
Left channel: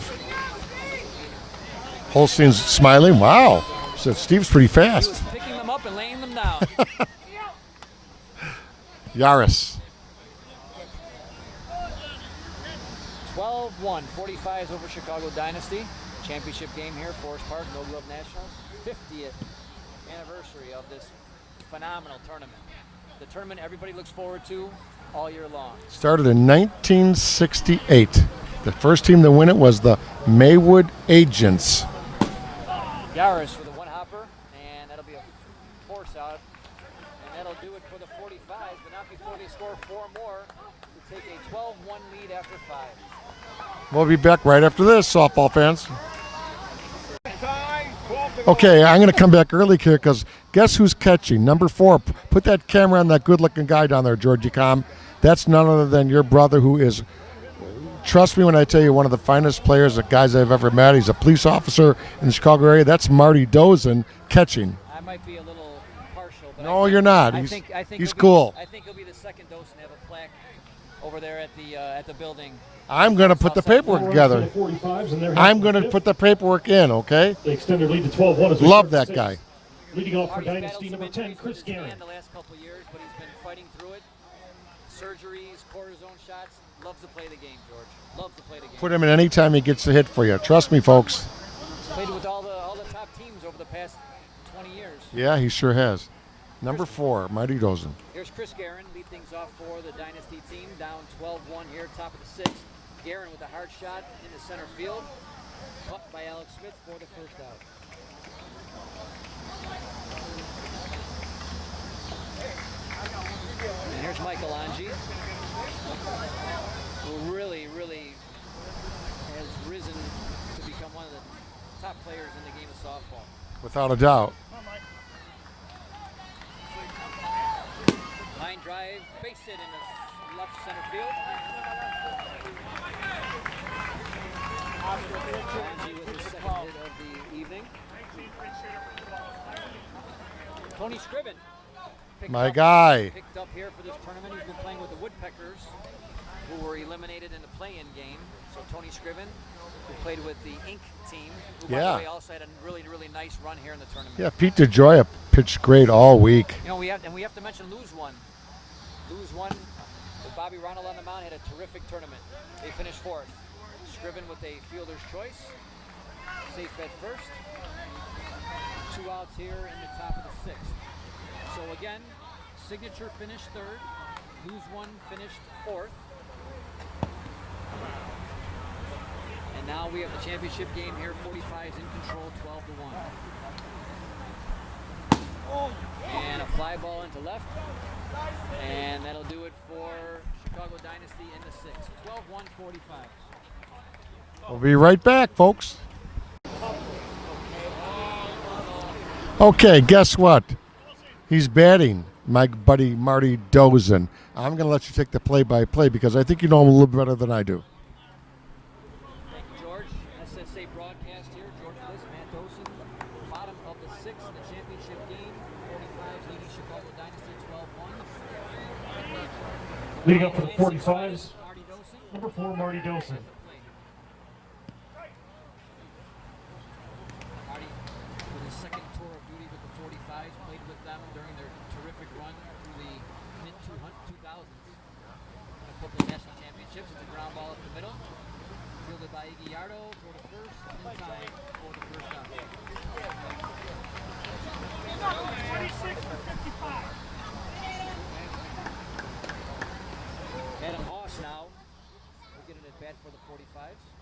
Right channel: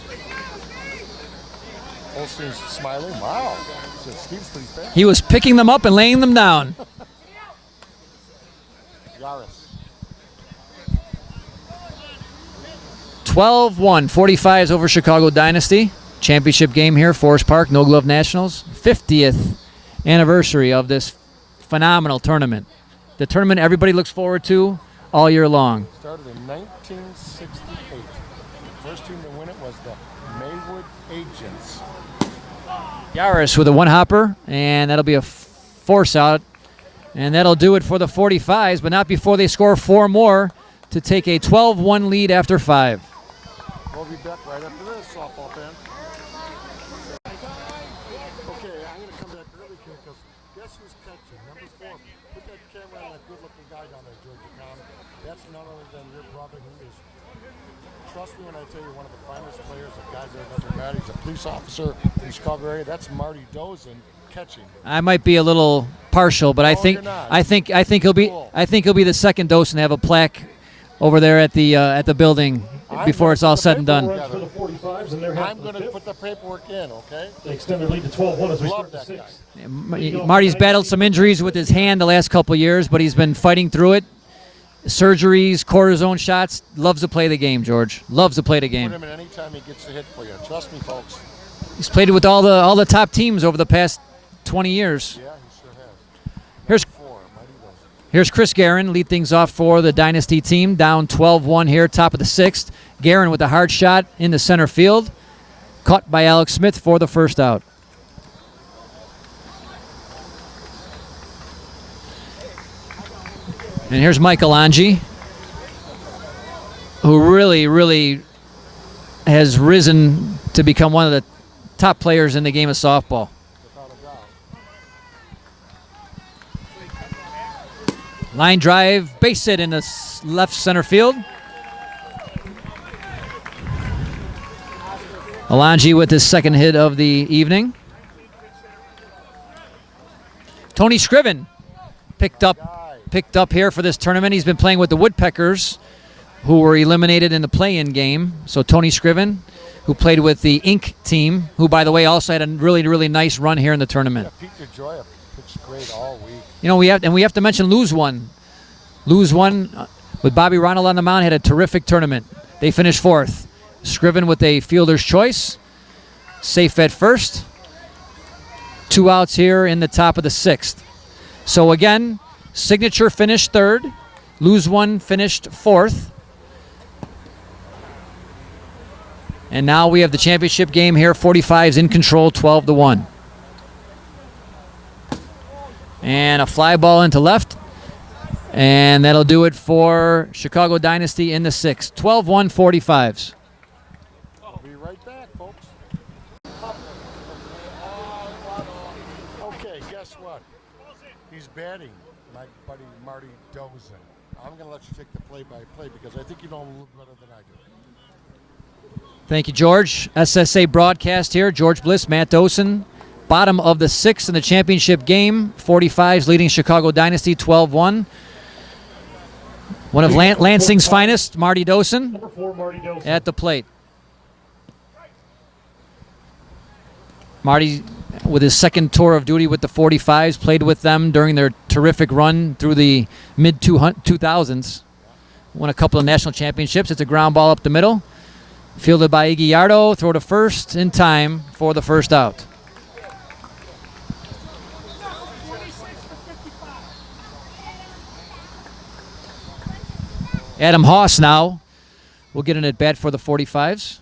Holstein's smiling. Wow. So Steve's pretty fast. He was picking them up and laying them down. Yaris. 12-1, 45s over Chicago Dynasty. Championship game here, Forest Park, No Glove Nationals. 50th anniversary of this phenomenal tournament. The tournament everybody looks forward to all year long. Started in 1968. The first team to win it was the Maywood Agents. Yaris with a 1-hopper, and that'll be a force out. And that'll do it for the 45s, but not before they score 4 more to take a 12-1 lead after 5. We'll be back right after this, softball fans. Okay, I'm going to come back early here because guess who's catching? Number 4. Put that camera on that good-looking guy down there, Georgie Com. That's none other than your brother who is, trust me when I tell you, one of the finest players, the guys I've ever met. He's a police officer in the Chicago area. That's Marty Dosen catching. I might be a little partial, but I think you're not. I think he'll be cool. I think he'll be the second Dosen to have a plaque over there at the building I'm before gonna it's all put the said and paperwork done. together. I'm going to put the paperwork in, okay? They extend their lead to 12-1 as we Love start that the guy. Marty's battled some injuries with his hand the last couple of years, but he's been fighting through it. Surgeries, cortisone shots. Loves to play the game, George. Loves to play the Put game. him in any time he gets a hit for you. Trust me, folks. He's played with all the top teams over the past 20 years. Yeah, he sure has. Number Here's- 4, Marty Dosen. Here's Chris Garin, lead things off for the Dynasty team, down 12-1 here, top of the 6th. Garin with a hard shot in the center field, caught by Alex Smith for the first out. And here's Michael Angi, who really has risen to become one of the top players in the game of softball. Without a doubt. Line drive, base hit in the left center field. Alangi with his second hit of the evening. Tony Scriven picked up here for this tournament. He's been playing with the Woodpeckers, who were eliminated in the play-in game. So Tony Scriven, who played with the Inc. team, who, by the way, also had a really nice run here in the tournament. Yeah, Pete DeGioia pitched great all week. You know, we have to mention Lose One. Lose One with Bobby Ronald on the mound had a terrific tournament. They finished 4th. Scriven with a fielder's choice. Safe at first. 2 outs here in the top of the 6th. So again, Signature finished 3rd. Lose One finished 4th. And now we have the championship game here. 45's in control, 12-1. And a fly ball into left. And that'll do it for Chicago Dynasty in the 6th. 12-1, 45's. We'll be right back, folks. Okay, guess what? He's batting, my buddy Marty Dosen. I'm going to let you take the play-by-play because I think you know him a little better than I do. Thank you, George. SSA broadcast here. George Bliss, Matt Dosen. Bottom of the 6th in the championship game. 45's leading Chicago Dynasty 12-1. One of Lansing's finest, Marty Dosen, Number 4, Marty Dosen. at the plate. Marty, with his second tour of duty with the 45's, played with them during their terrific run through the mid-2000s. Won a couple of national championships. It's a ground ball up the middle. Fielded by Iguiardo, throw to first in time for the first out. Adam Haas now will get an at-bat for the 45's.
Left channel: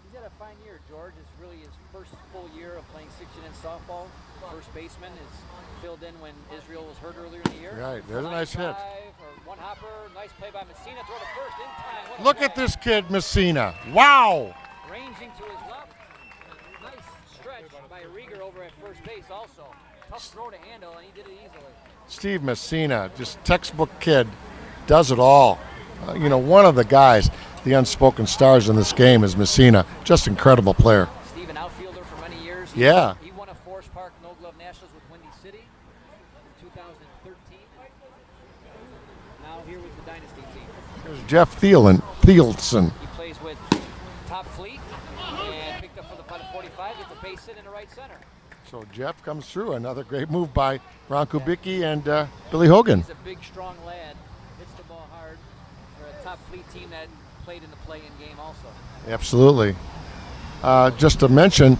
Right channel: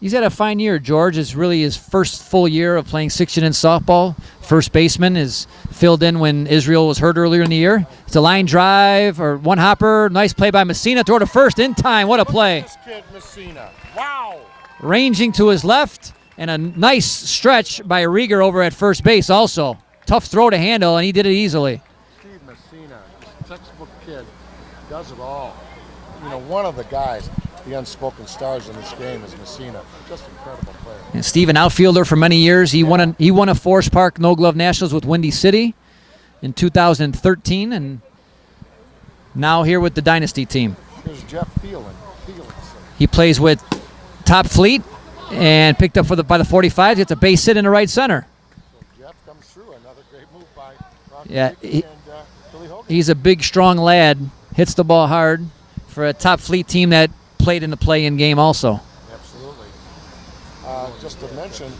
He's had a fine year, George. It's really his first full year of playing 6-inning softball. First baseman is filled in when Israel was hurt earlier in the year. It's a line drive or one hopper. Nice play by Mussina. Throw to first in time. What a play. Look at this kid, Mussina. Wow. Ranging to his left, and a nice stretch by Rieger over at first base also. Tough throw to handle, and he did it easily. Steve Mussina, just textbook kid, does it all. One of the guys, the unspoken stars in this game is Mussina. Just incredible player. And Steve, an outfielder for many years. He won a Forest Park No Glove Nationals with Windy City in 2013, and now here with the Dynasty team. There's Jeff Thielson. He plays with Top Fleet and picked up by the 45. Gets a base hit in the right center. So Jeff comes through. Another great move by Ron Kubicki and Billy Hogan. He's a big, strong lad. Hits the ball hard for a Top Fleet team that played in the play-in game also. Absolutely. Just to mention,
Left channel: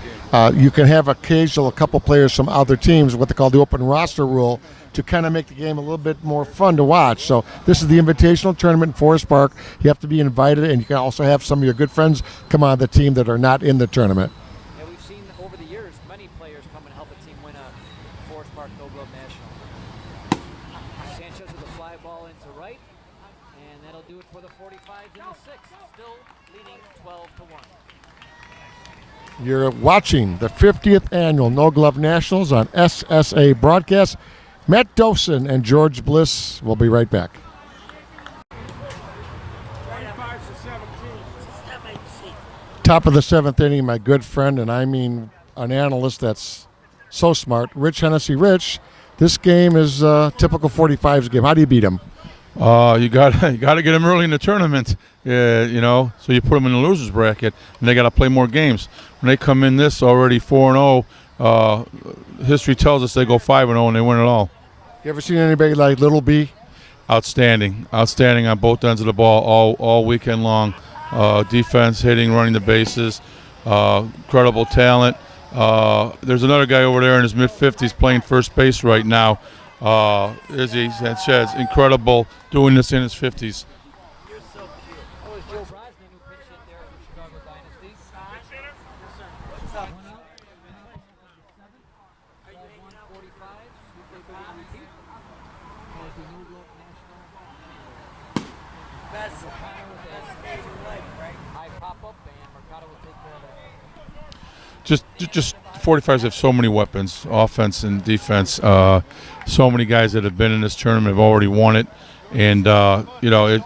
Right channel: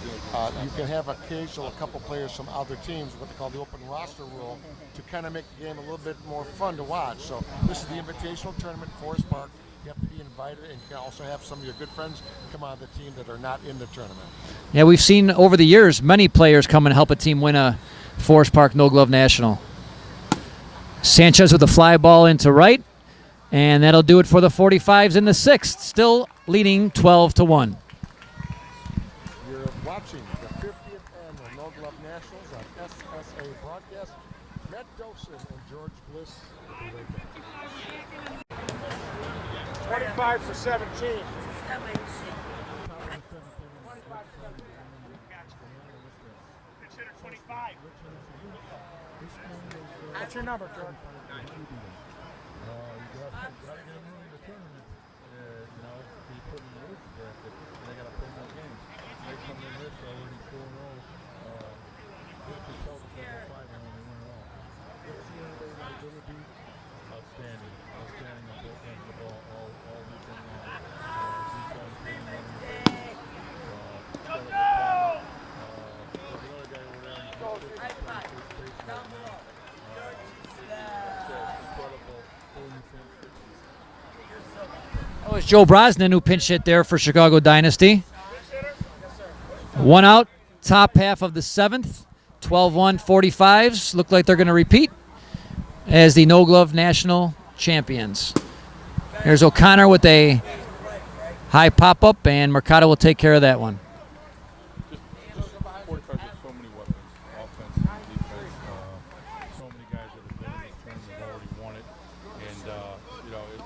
you can have a couple players from other teams, what they call the open roster rule, to kind of make the game a little bit more fun to watch. So this is the invitational tournament in Forest Park. You have to be invited, and you can also have some of your good friends come on the team that are not in the tournament. Yeah, we've seen over the years many players come and help a team win a Forest Park No Glove National. Sanchez with a fly ball into right, and that'll do it for the 45's in the 6th, still leading 12-1. You're watching the 50th Annual No Glove Nationals on SSA Broadcast. Matt Dosen and George Bliss will be right back. 35-17. Top of the 7th inning, my good friend, and I mean an analyst that's so smart, Rich Hennessy. Rich, this game is a typical 45's game. How do you beat him? You got to get them early in the tournament, so you put them in the losers bracket, and they got to play more games. When they come in this already 4-0, history tells us they go 5-0 and they win it all. You ever seen anybody like Little B? Outstanding on both ends of the ball all weekend long. Defense, hitting, running the bases, incredible talent. There's another guy over there in his mid-50s playing first base right now. Sanchez, incredible, doing this in his 50s. It was Joe Brosnan who pinch hit there for Chicago Dynasty. 1 out, top half of the 7th. 12-1 45's. Look like they're going to repeat. as the No Glove National Champions. Here's O'Connor with a high pop-up, and Mercado will take care of that one. Just 45s have so many weapons, offense and defense. So many guys that have been in this tournament have already won it. And,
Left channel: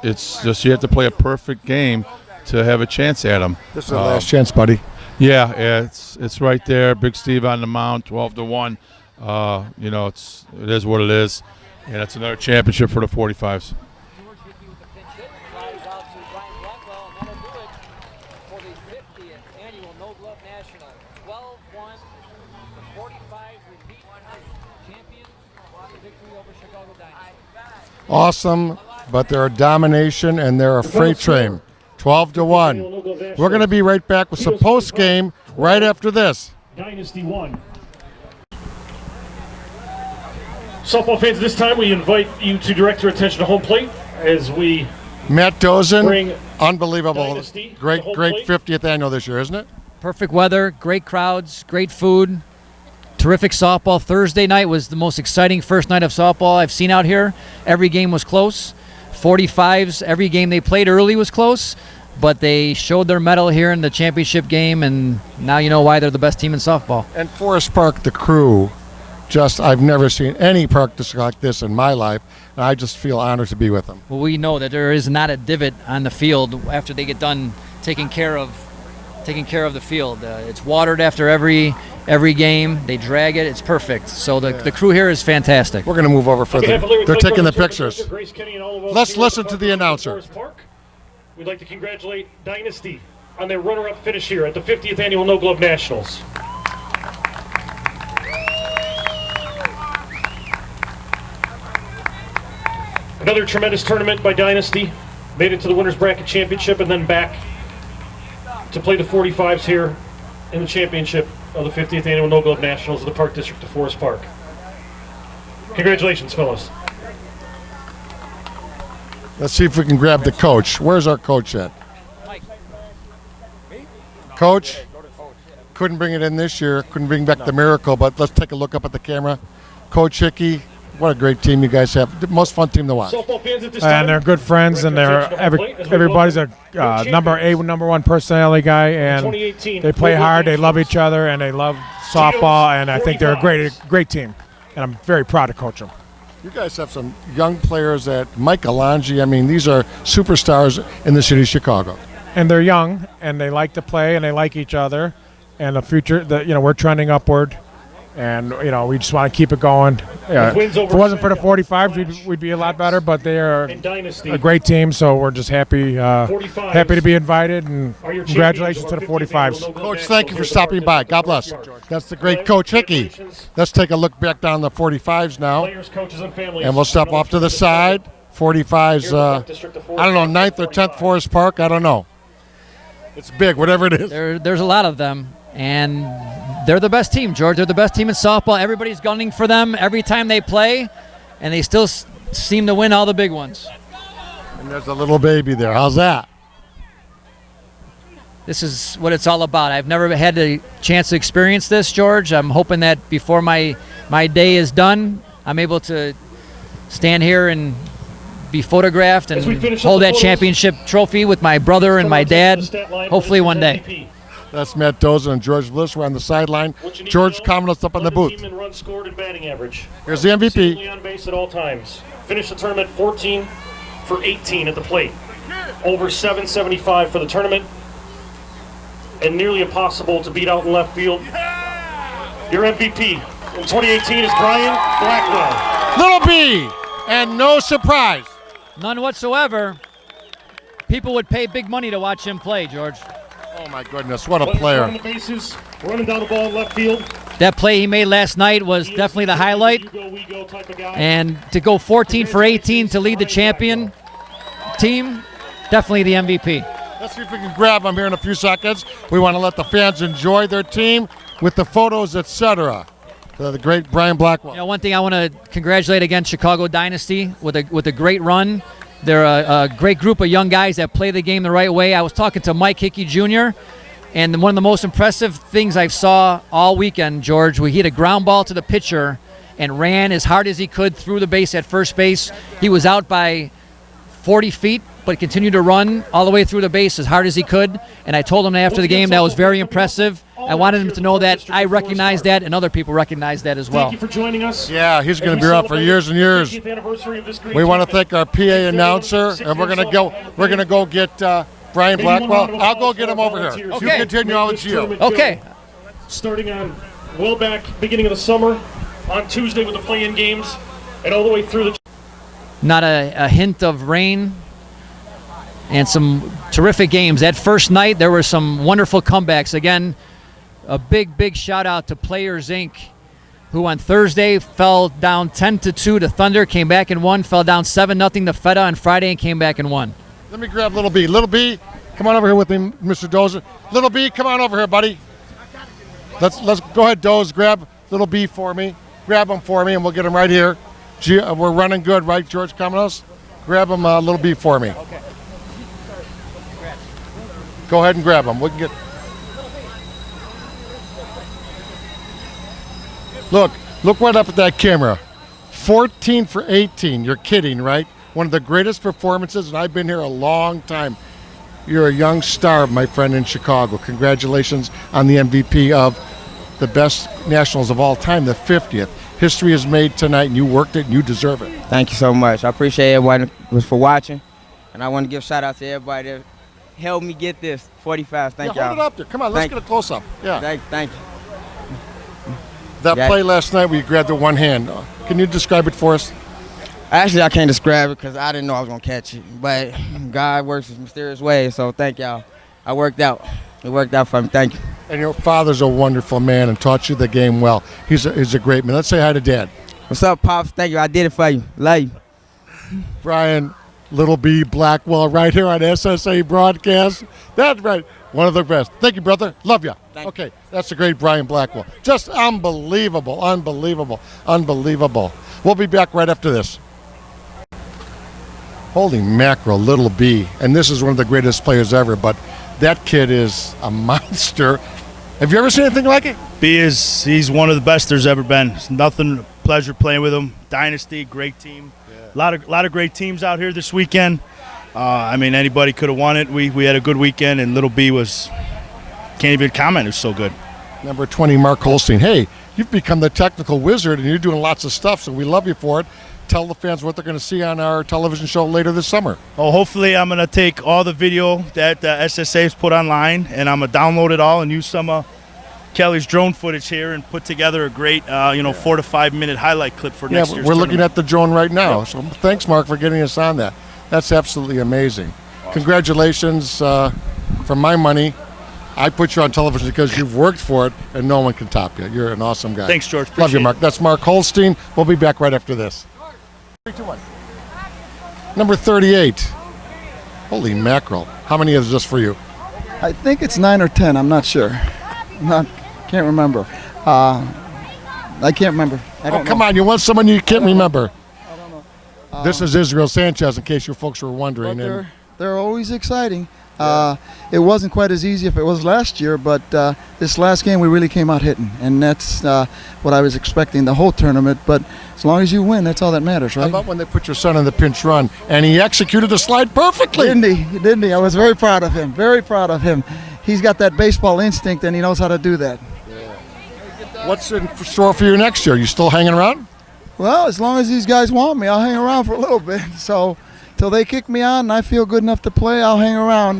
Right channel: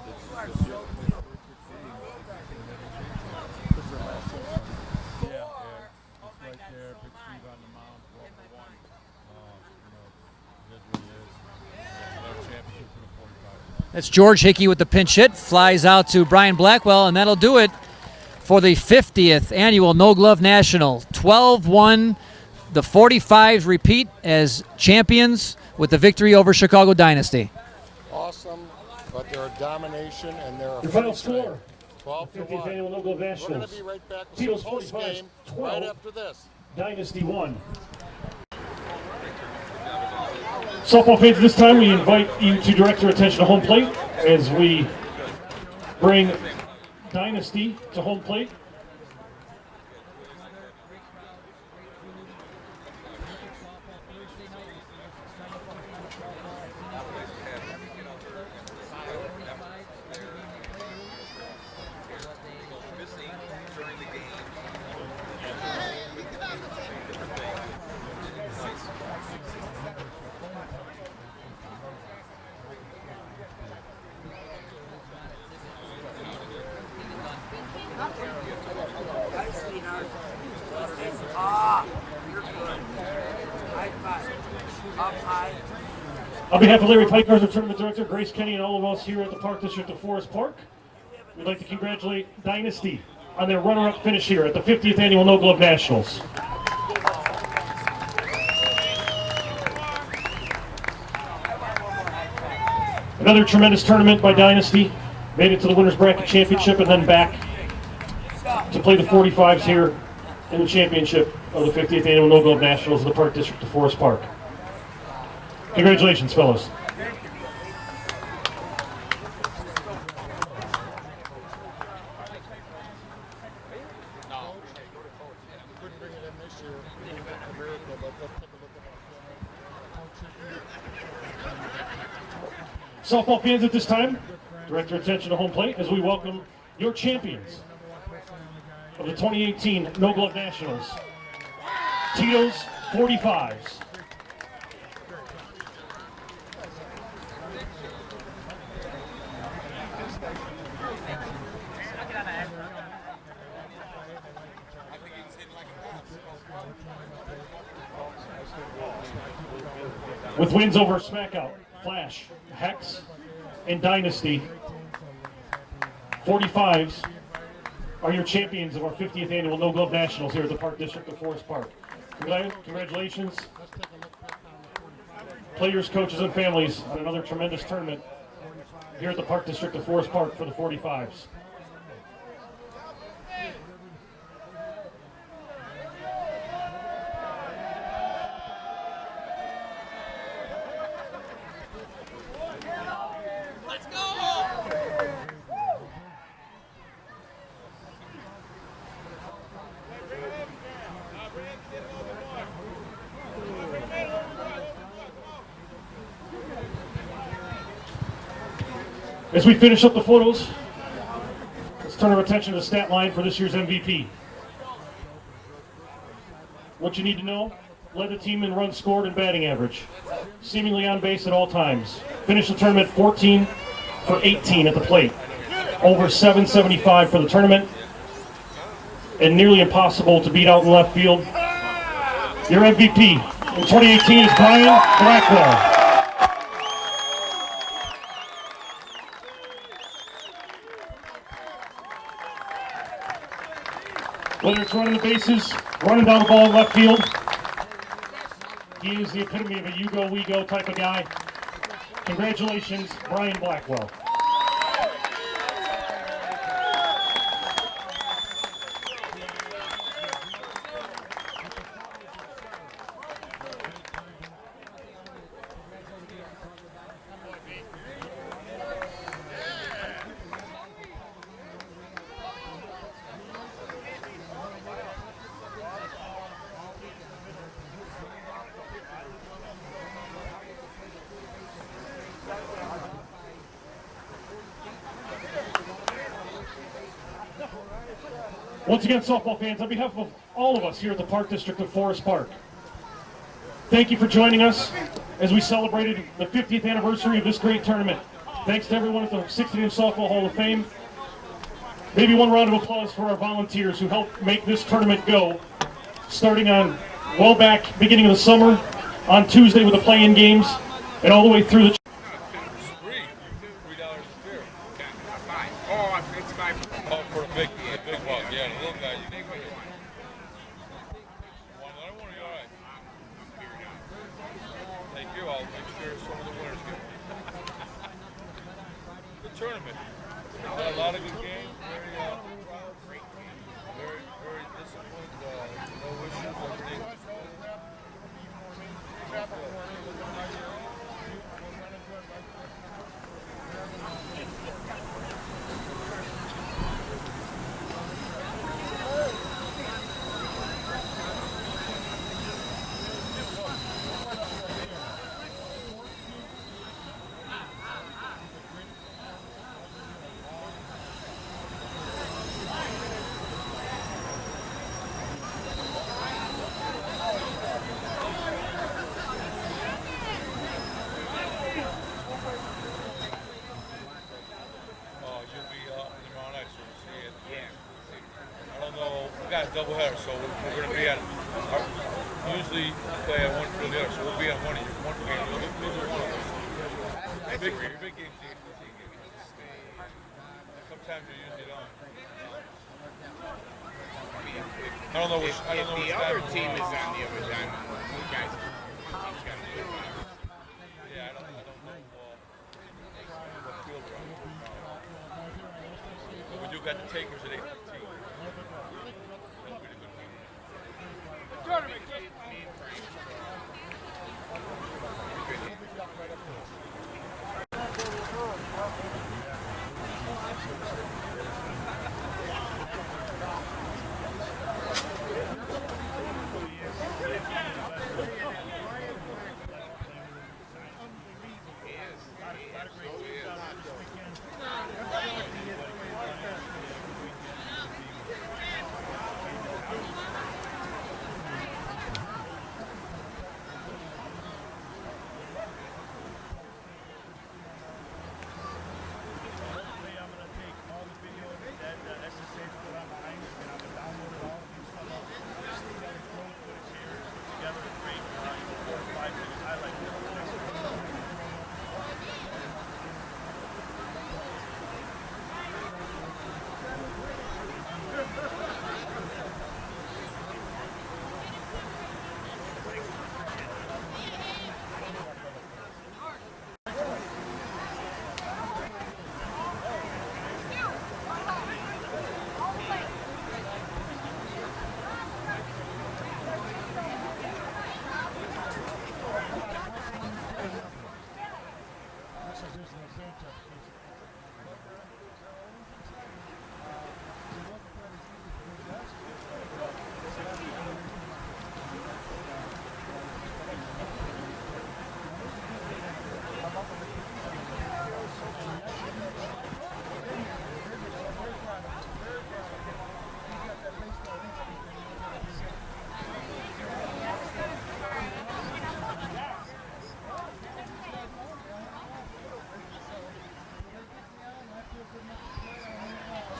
it's just you have to play a perfect game to have a chance at them. This is the last chance, buddy. Yeah, it's right there. Big Steve on the mound, 12-1. It is what it is. And it's another championship for the 45s. That's George Hickey with the pinch hit. Flies out to Brian Blackwell, and that'll do it for the 50th Annual No Glove National. 12-1. The 45s repeat as champions with the victory over Chicago Dynasty. Awesome, but they're a domination and they're a freight train. 12-1. We're going to be right back with some post game right after this. Dynasty 1. Softball fans, this time we invite you to direct your attention to home plate as we Matt Dosen, bring unbelievable. Dynasty to Great home plate. 50th annual this year, isn't it? Perfect weather, great crowds, great food, terrific softball. Thursday night was the most exciting first night of softball I've seen out here. Every game was close. 45s, every game they played early was close, but they showed their mettle here in the championship game, and now you know why they're the best team in softball. And Forest Park, the crew, I've never seen any practice like this in my life, and I just feel honored to be with them. Well, we know that there is not a divot on the field after they get done taking care of the field. It's watered after every game. They drag it. It's perfect. So the crew here is fantastic. We're going to move over further. They're taking the pictures. Let's listen to the announcer. We'd like to congratulate Dynasty on their runner-up finish here at the 50th Annual No Glove Nationals. Another tremendous tournament by Dynasty. Made it to the Winners Bracket Championship and then back to play the 45s here in the championship of the 50th Annual No Glove Nationals of the Park District of Forest Park. Congratulations, fellas. Let's see if we can grab the coach. Where's our coach at? Coach? Couldn't bring it in this year. Couldn't bring back the miracle, but let's take a look up at the camera. Coach Hickey, what a great team you guys have. The most fun team to watch. Softball fans at this time. And they're good friends, and everybody's a number one personality guy, and they play hard. They love each other, and they love softball, and I think they're a great team. And I'm very proud to coach them. You guys have some young players at Mike Alonji. I mean, these are superstars in the city of Chicago. And they're young, and they like to play, and they like each other. And the future, we're trending upward. And, we just want to keep it going. If it wasn't for the 45s, we'd be a lot better, but they are a great team, so we're just happy to be invited, and congratulations to the 45s. Coach, thank you for stopping by. God bless. That's the great Coach Hickey. Let's take a look back down the 45s now. And we'll step off to the side. 45s, I don't know, 9th or 10th Forest Park, I don't know. It's big, whatever it is. There's a lot of them, and they're the best team, George. They're the best team in softball. Everybody's gunning for them every time they play, and they still seem to win all the big ones. And there's a little baby there. How's that? This is what it's all about. I've never had the chance to experience this, George. I'm hoping that before my day is done, I'm able to stand here and be photographed and hold that championship trophy with my brother and my dad, hopefully one day. That's Matt Dosen and George Bliss. We're on the sideline. George coming us up on the booth. Team in runs scored and batting average. Here's the MVP. Seemingly on base at all times. Finished the tournament 14 for 18 at the plate. Over 775 for the tournament. And nearly impossible to beat out in left field. Your MVP in 2018 is Brian Blackwell. Little B, and no surprise. None whatsoever. People would pay big money to watch him play, George. Oh my goodness, what a player. Running the bases, running down the ball in left field. That play he made last night was definitely the highlight. We go type of guy. And to go 14 for 18 to lead the champion team, definitely the MVP. Let's see if we can grab him here in a few seconds. We want to let the fans enjoy their team with the photos, etc. The great Brian Blackwell. One thing I want to congratulate again Chicago Dynasty with a great run. They're a great group of young guys that play the game the right way. I was talking to Mike Hickey Jr., and one of the most impressive things I saw all weekend, George, he hit a ground ball to the pitcher and ran as hard as he could through the base at first base. He was out by 40 feet, but continued to run all the way through the base as hard as he could. And I told him after the game that was very impressive. I wanted him to know that I recognize that and other people recognize that as well. Thank you for joining us. Yeah, he's going to be around for years and years. We want to thank our PA announcer, and we're going to go get Brian Blackwell. I'll go get him over here. Okay. You continue on with you. Okay. Starting on beginning of the summer, on Tuesday with the play-in games, and all the way through the. Not a hint of rain, and some terrific games. That first night, there were some wonderful comebacks. Again, a big shout out to Players Inc., who on Thursday fell down 10-2 to Thunder, came back and won, fell down 7-0 to Feta on Friday and came back and won. Let me grab Little B. Little B, come on over here with me, Mr. Dosen. Little B, come on over here, buddy. Let's go ahead, Doze. Grab Little B for me. Grab him for me, and we'll get him right here. We're running good, right, George Kamenos? Grab him Little B for me. Okay. Go ahead and grab him. We can get. Look right up at that camera. 14 for 18. You're kidding, right? One of the greatest performances, and I've been here a long time. You're a young star, my friend, in Chicago. Congratulations on the MVP of the best Nationals of all time, the 50th. History is made tonight, and you worked it, and you deserve it. Thank you so much. I appreciate everyone for watching, and I want to give a shout out to everybody that helped me get this 45. Thank y'all. Hold it up there. Come on, let's get a close-up. Yeah. Thank you. That play last night where you grabbed it one hand, can you describe it for us? Actually, I can't describe it because I didn't know I was going to catch it, but God works in mysterious ways, so thank y'all. I worked out. It worked out for me. Thank you. And your father's a wonderful man and taught you the game well. He's a great man. Let's say hi to Dad. What's up, Pops? Thank you. I did it for you. Love you. Brian, Little B Blackwell, right here on SSA Broadcast. That's right. One of the best. Thank you, brother. Love you. Okay, that's the great Brian Blackwell. Just unbelievable, unbelievable, unbelievable. We'll be back right after this. Holy mackerel, Little B. And this is one of the greatest players ever, but that kid is a monster. Have you ever seen anything like it? He's one of the best there's ever been. It's nothing, pleasure playing with him. Dynasty, great team. A lot of great teams out here this weekend. I mean, anybody could have won it. We had a good weekend, and Little B can't even comment. It was so good. Number 20, Mark Holstein. Hey, you've become the technical wizard, and you're doing lots of stuff, so we love you for it. Tell the fans what they're going to see on our television show later this summer. Oh, hopefully I'm going to take all the video that SSA has put online, and I'm going to download it all and use some Kelly's drone footage here and put together a great 4 to 5 minute highlight clip for next year's we're tournament. looking at the drone right now. Yep. So thanks, Mark, for getting us on that. That's absolutely amazing. Congratulations. For my money, I put you on television because you've worked for it, and no one can top you. You're an awesome guy. Thanks, George. Love you, Mark. That's Mark Holstein. We'll be back right after this. Number 38. Holy mackerel. How many is this for you? I think it's 9 or 10. I'm not sure. Can't remember. I can't remember. Come on. You want someone you can't remember. I don't know. This is Israel Sanchez, in case you folks were wondering. But they're always exciting. It wasn't quite as easy if it was last year, but this last game we really came out hitting, and that's what I was expecting the whole tournament. But as long as you win, that's all that matters, right? How about when they put your son in the pinch run, and he executed the slide perfectly? Didn't he? I was very proud of him. Very proud of him. He's got that baseball instinct, and he knows how to do that. What's in store for you next year? You still hanging around? Well, as long as these guys want me, I'll hang around for a little bit. So till they kick me out and I feel good enough to play, I'll hang around.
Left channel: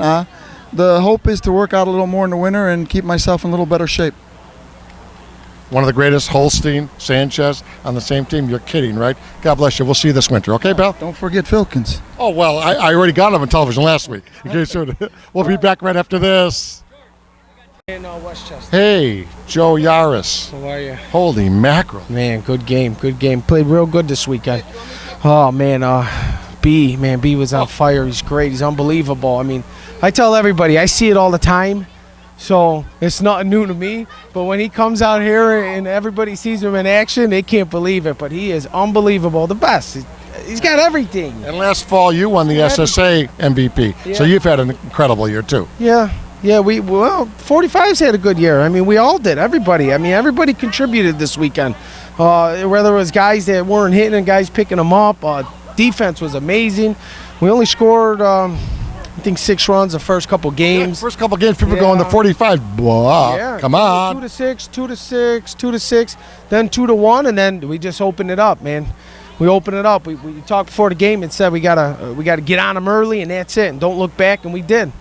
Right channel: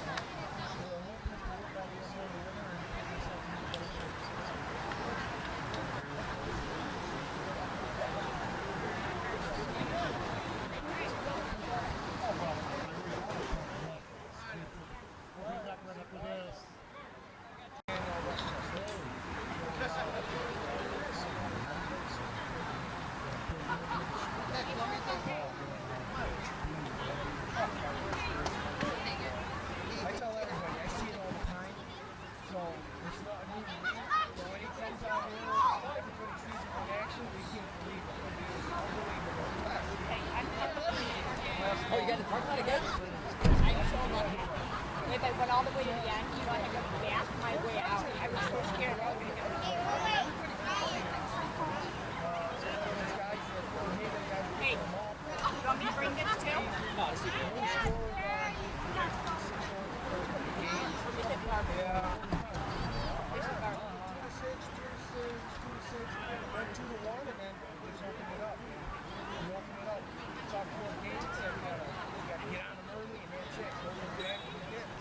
The hope is to work out a little more in the winter and keep myself in a little better shape. One of the greatest, Holstein, Sanchez, on the same team. You're kidding, right? God bless you. We'll see you this winter. Okay, pal? Don't forget Filkins. Oh, well, I already got him on television last week. We'll be back right after this. Hey, Joe Yaris. How are you? Holy mackerel. Man, good game. Played real good this weekend. Oh, man, B was on fire. He's great. He's unbelievable. I mean, I tell everybody, I see it all the time, so it's not new to me. But when he comes out here and everybody sees him in action, they can't believe it. But he is unbelievable, the best. He's got everything. And last fall, you won the SSA MVP, so you've had an incredible year, too. Yeah, Yeah, 45s had a good year. I mean, we all did. Everybody. I mean, everybody contributed this weekend. Whether it was guys that weren't hitting and guys picking them up. Defense was amazing. We only scored, I think, 6 runs the first couple games. First couple games, people going to 45. Blah, Yeah. come on. 2-6, 2-6, 2-6, then 2-1, and then we just opened it up, man. We opened it up. We talked before the game and said we gotta get on them early, and that's it. And don't look back, and we did.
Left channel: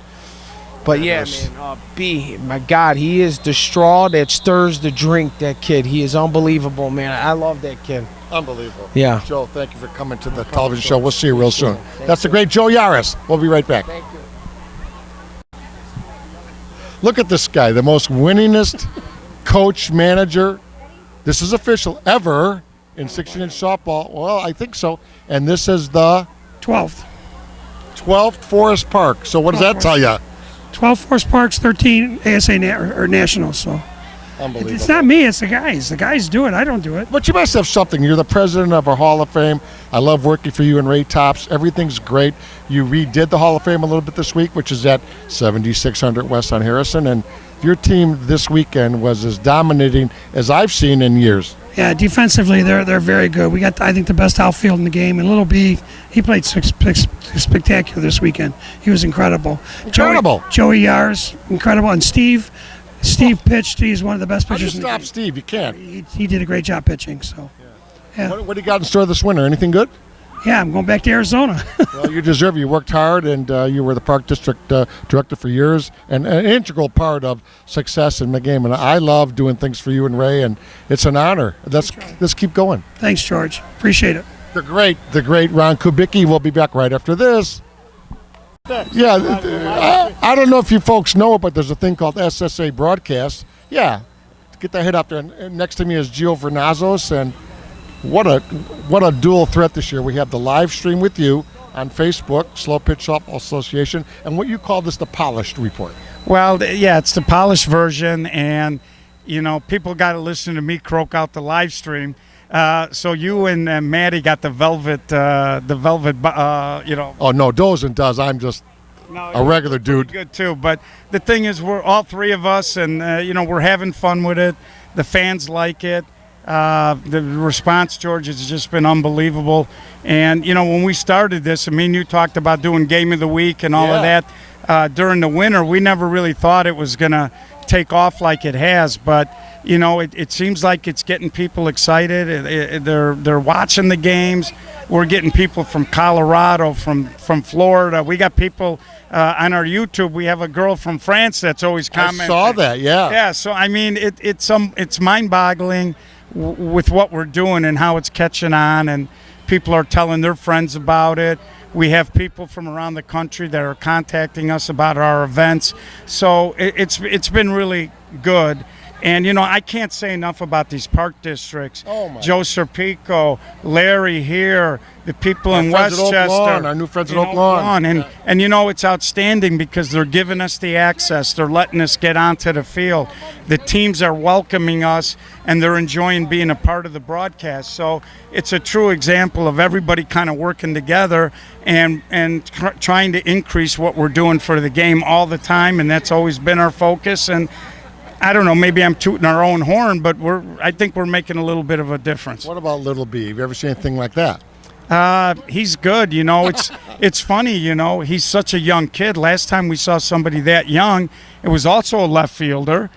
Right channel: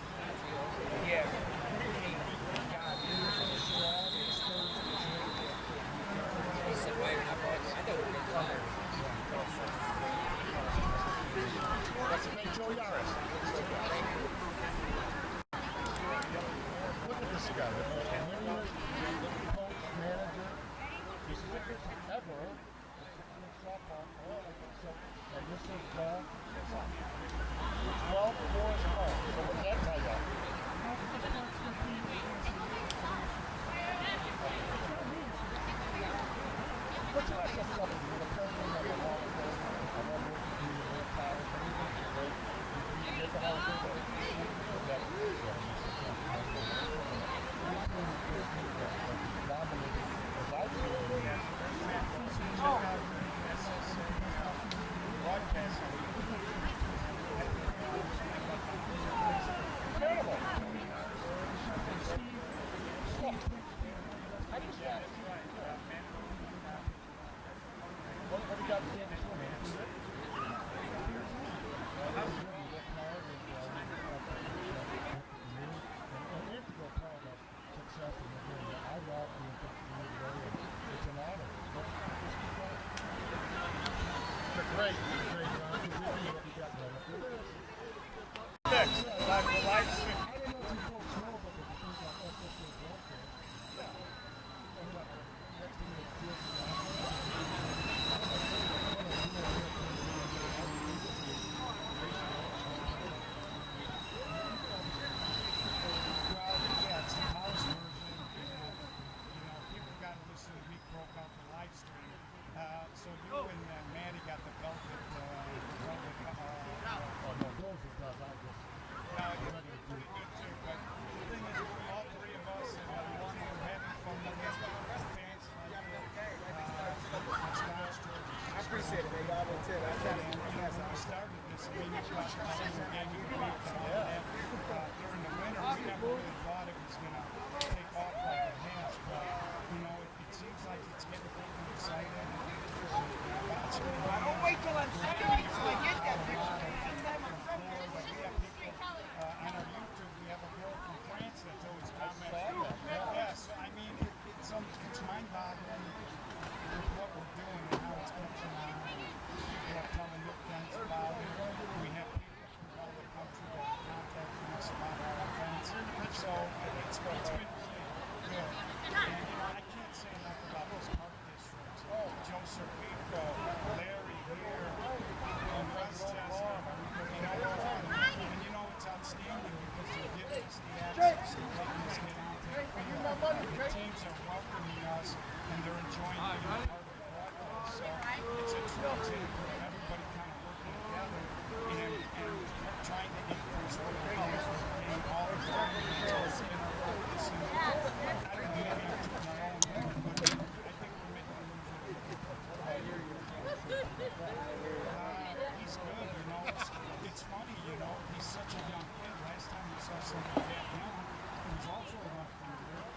But yeah, man, B, my God, he is the straw that stirs the drink, that kid. He is unbelievable, man. I love that kid. Unbelievable. Yeah. Joe, thank you for coming to the television show. We'll see you real soon. That's the great Joe Yaris. We'll be right back. Thank you. Look at this guy, the most winningest coach, manager, this is official, ever in 16-inch softball. Well, I think so. And this is the 12th. 12th Forest Park. So what does that tell you? 12 Forest Parks, 13 ASA or Nationals. So Unbelievable. it's not me, it's the guys. The guys do it. I don't do it. But you must have something. You're the president of our Hall of Fame. I love working for you and Ray Tops. Everything's great. You redid the Hall of Fame a little bit this week, which is at 7600 West on Harrison. And your team this weekend was as dominating as I've seen in years. Yeah, defensively, they're very good. We got, I think, the best outfield in the game. And Little B, he played spectacular this weekend. He was incredible. Incredible. Joey Yaris, incredible. And Steve pitched. He's one of the best How do you pitchers in the stop game. Steve? You can't. He did a great job pitching. So, yeah. What do you got in store this winter? Anything good? Yeah, I'm going back to Arizona. Well, you deserve it. You worked hard, and you were the Park District Director for years, and an integral part of success in the game. And I love doing things for you and Ray, and it's an honor. Let's keep going. Thanks, George. Appreciate it. The great Ron Kubicki will be back right after this. Yeah, I don't know if you folks know it, but there's a thing called SSA Broadcast. Yeah, get that hit up there. And next to me is Gio Vernazos, and what a dual threat this year. We have the live stream with you on Facebook, Slow Pitch Softball Association, and what you call this the polished report. Well, yeah, it's the polished version, and people got to listen to me croak out the live stream. So you and Maddie got the velvet. Oh no, Dosen does. I'm just a regular dude. Good too, but the thing is, we're all three of us, and we're having fun with it. The fans like it. The response, George, has just been unbelievable. And, when we started this, you talked about doing Game of the Week and all of that during the winter. We never really thought it was going to take off like it has. But, it seems like it's getting people excited. They're watching the games. We're getting people from Colorado, from Florida. We got people on our YouTube. We have a girl from France that's always commenting. I saw that, yeah. Yeah, so, it's mind-boggling with what we're doing and how it's catching on, and people are telling their friends about it. We have people from around the country that are contacting us about our events. So it's been really good. And, I can't say enough about these park districts. Oh, my. Joe Serpico, Larry here, the people in friends at Oak Westchester. Lawn, our new friends at Oak Lawn. And it's outstanding because they're giving us the access. They're letting us get onto the field. The teams are welcoming us, and they're enjoying being a part of the broadcast. So it's a true example of everybody kind of working together and trying to increase what we're doing for the game all the time, and that's always been our focus. And I don't know, maybe I'm tooting our own horn, but I think we're making a little bit of a difference. What about Little B? Have you ever seen anything like that? He's good, It's funny, he's such a young kid. Last time we saw somebody that young, it was also a left fielder.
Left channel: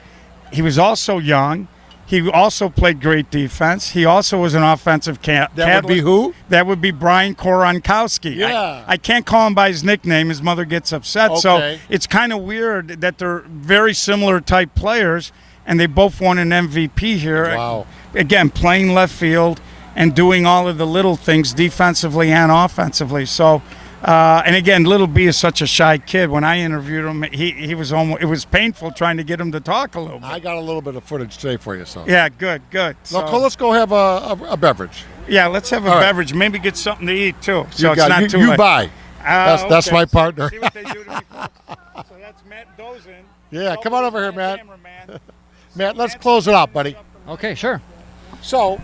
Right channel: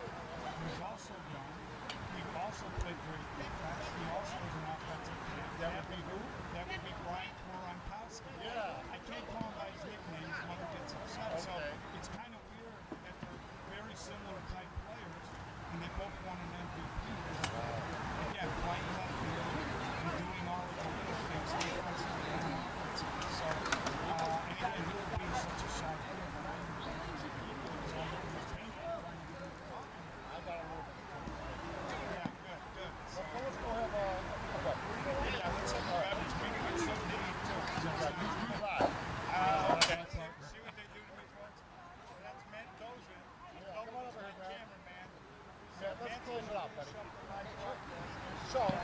He was also young. He also played great defense. He also was an offensive That would be who? That would be Brian Koronkowski. Yeah. I can't call him by his nickname. His mother gets upset. Okay. So it's kind of weird that they're very similar type players, and they both won an MVP here. Wow. Again, playing left field and doing all of the little things defensively and offensively. So, and again, Little B is such a shy kid. When I interviewed him, he was almost, it was painful trying to get him to talk a little bit. I got a little bit of footage today for you. So. Yeah, good. So, let's go have a beverage. Yeah, let's have a beverage. Maybe get something to eat too. So it's not too late. You buy. That's my partner. See what they do to me, folks. So that's Matt Dosen. Yeah, come on over here, Matt. Matt, let's close it out, buddy. Okay, sure. So,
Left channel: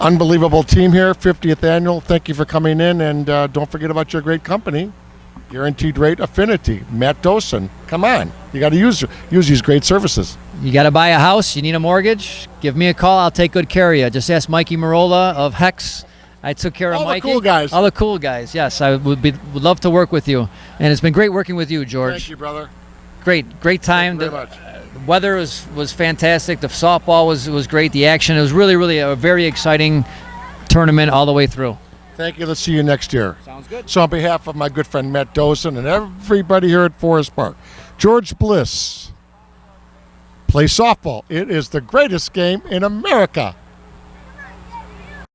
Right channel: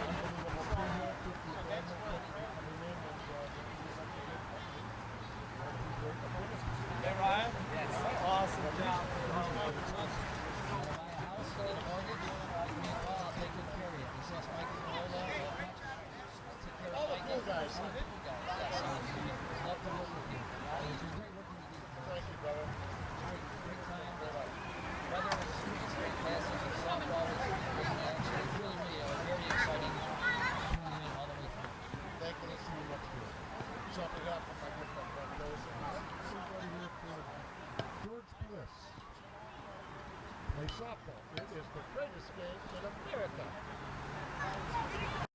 unbelievable team here, 50th annual. Thank you for coming in, and don't forget about your great company. Guaranteed Rate Affinity, Matt Dosen. Come on, you got to use these great services. You got to buy a house, you need a mortgage, give me a call, I'll take good care of you. Just ask Mikey Marola of Hex. I took care of All the Mikey. cool guys. All the cool guys, yes. I would love to work with you. And it's been great working with you, George. Thank you, brother. Great time. Thank you very much. The weather was fantastic. The softball was great. The action, it was really a very exciting tournament all the way through. Thank you. Let's see you next year. Sounds good. So on behalf of my good friend Matt Dosen and everybody here at Forest Park, George Bliss, play softball. It is the greatest game in America.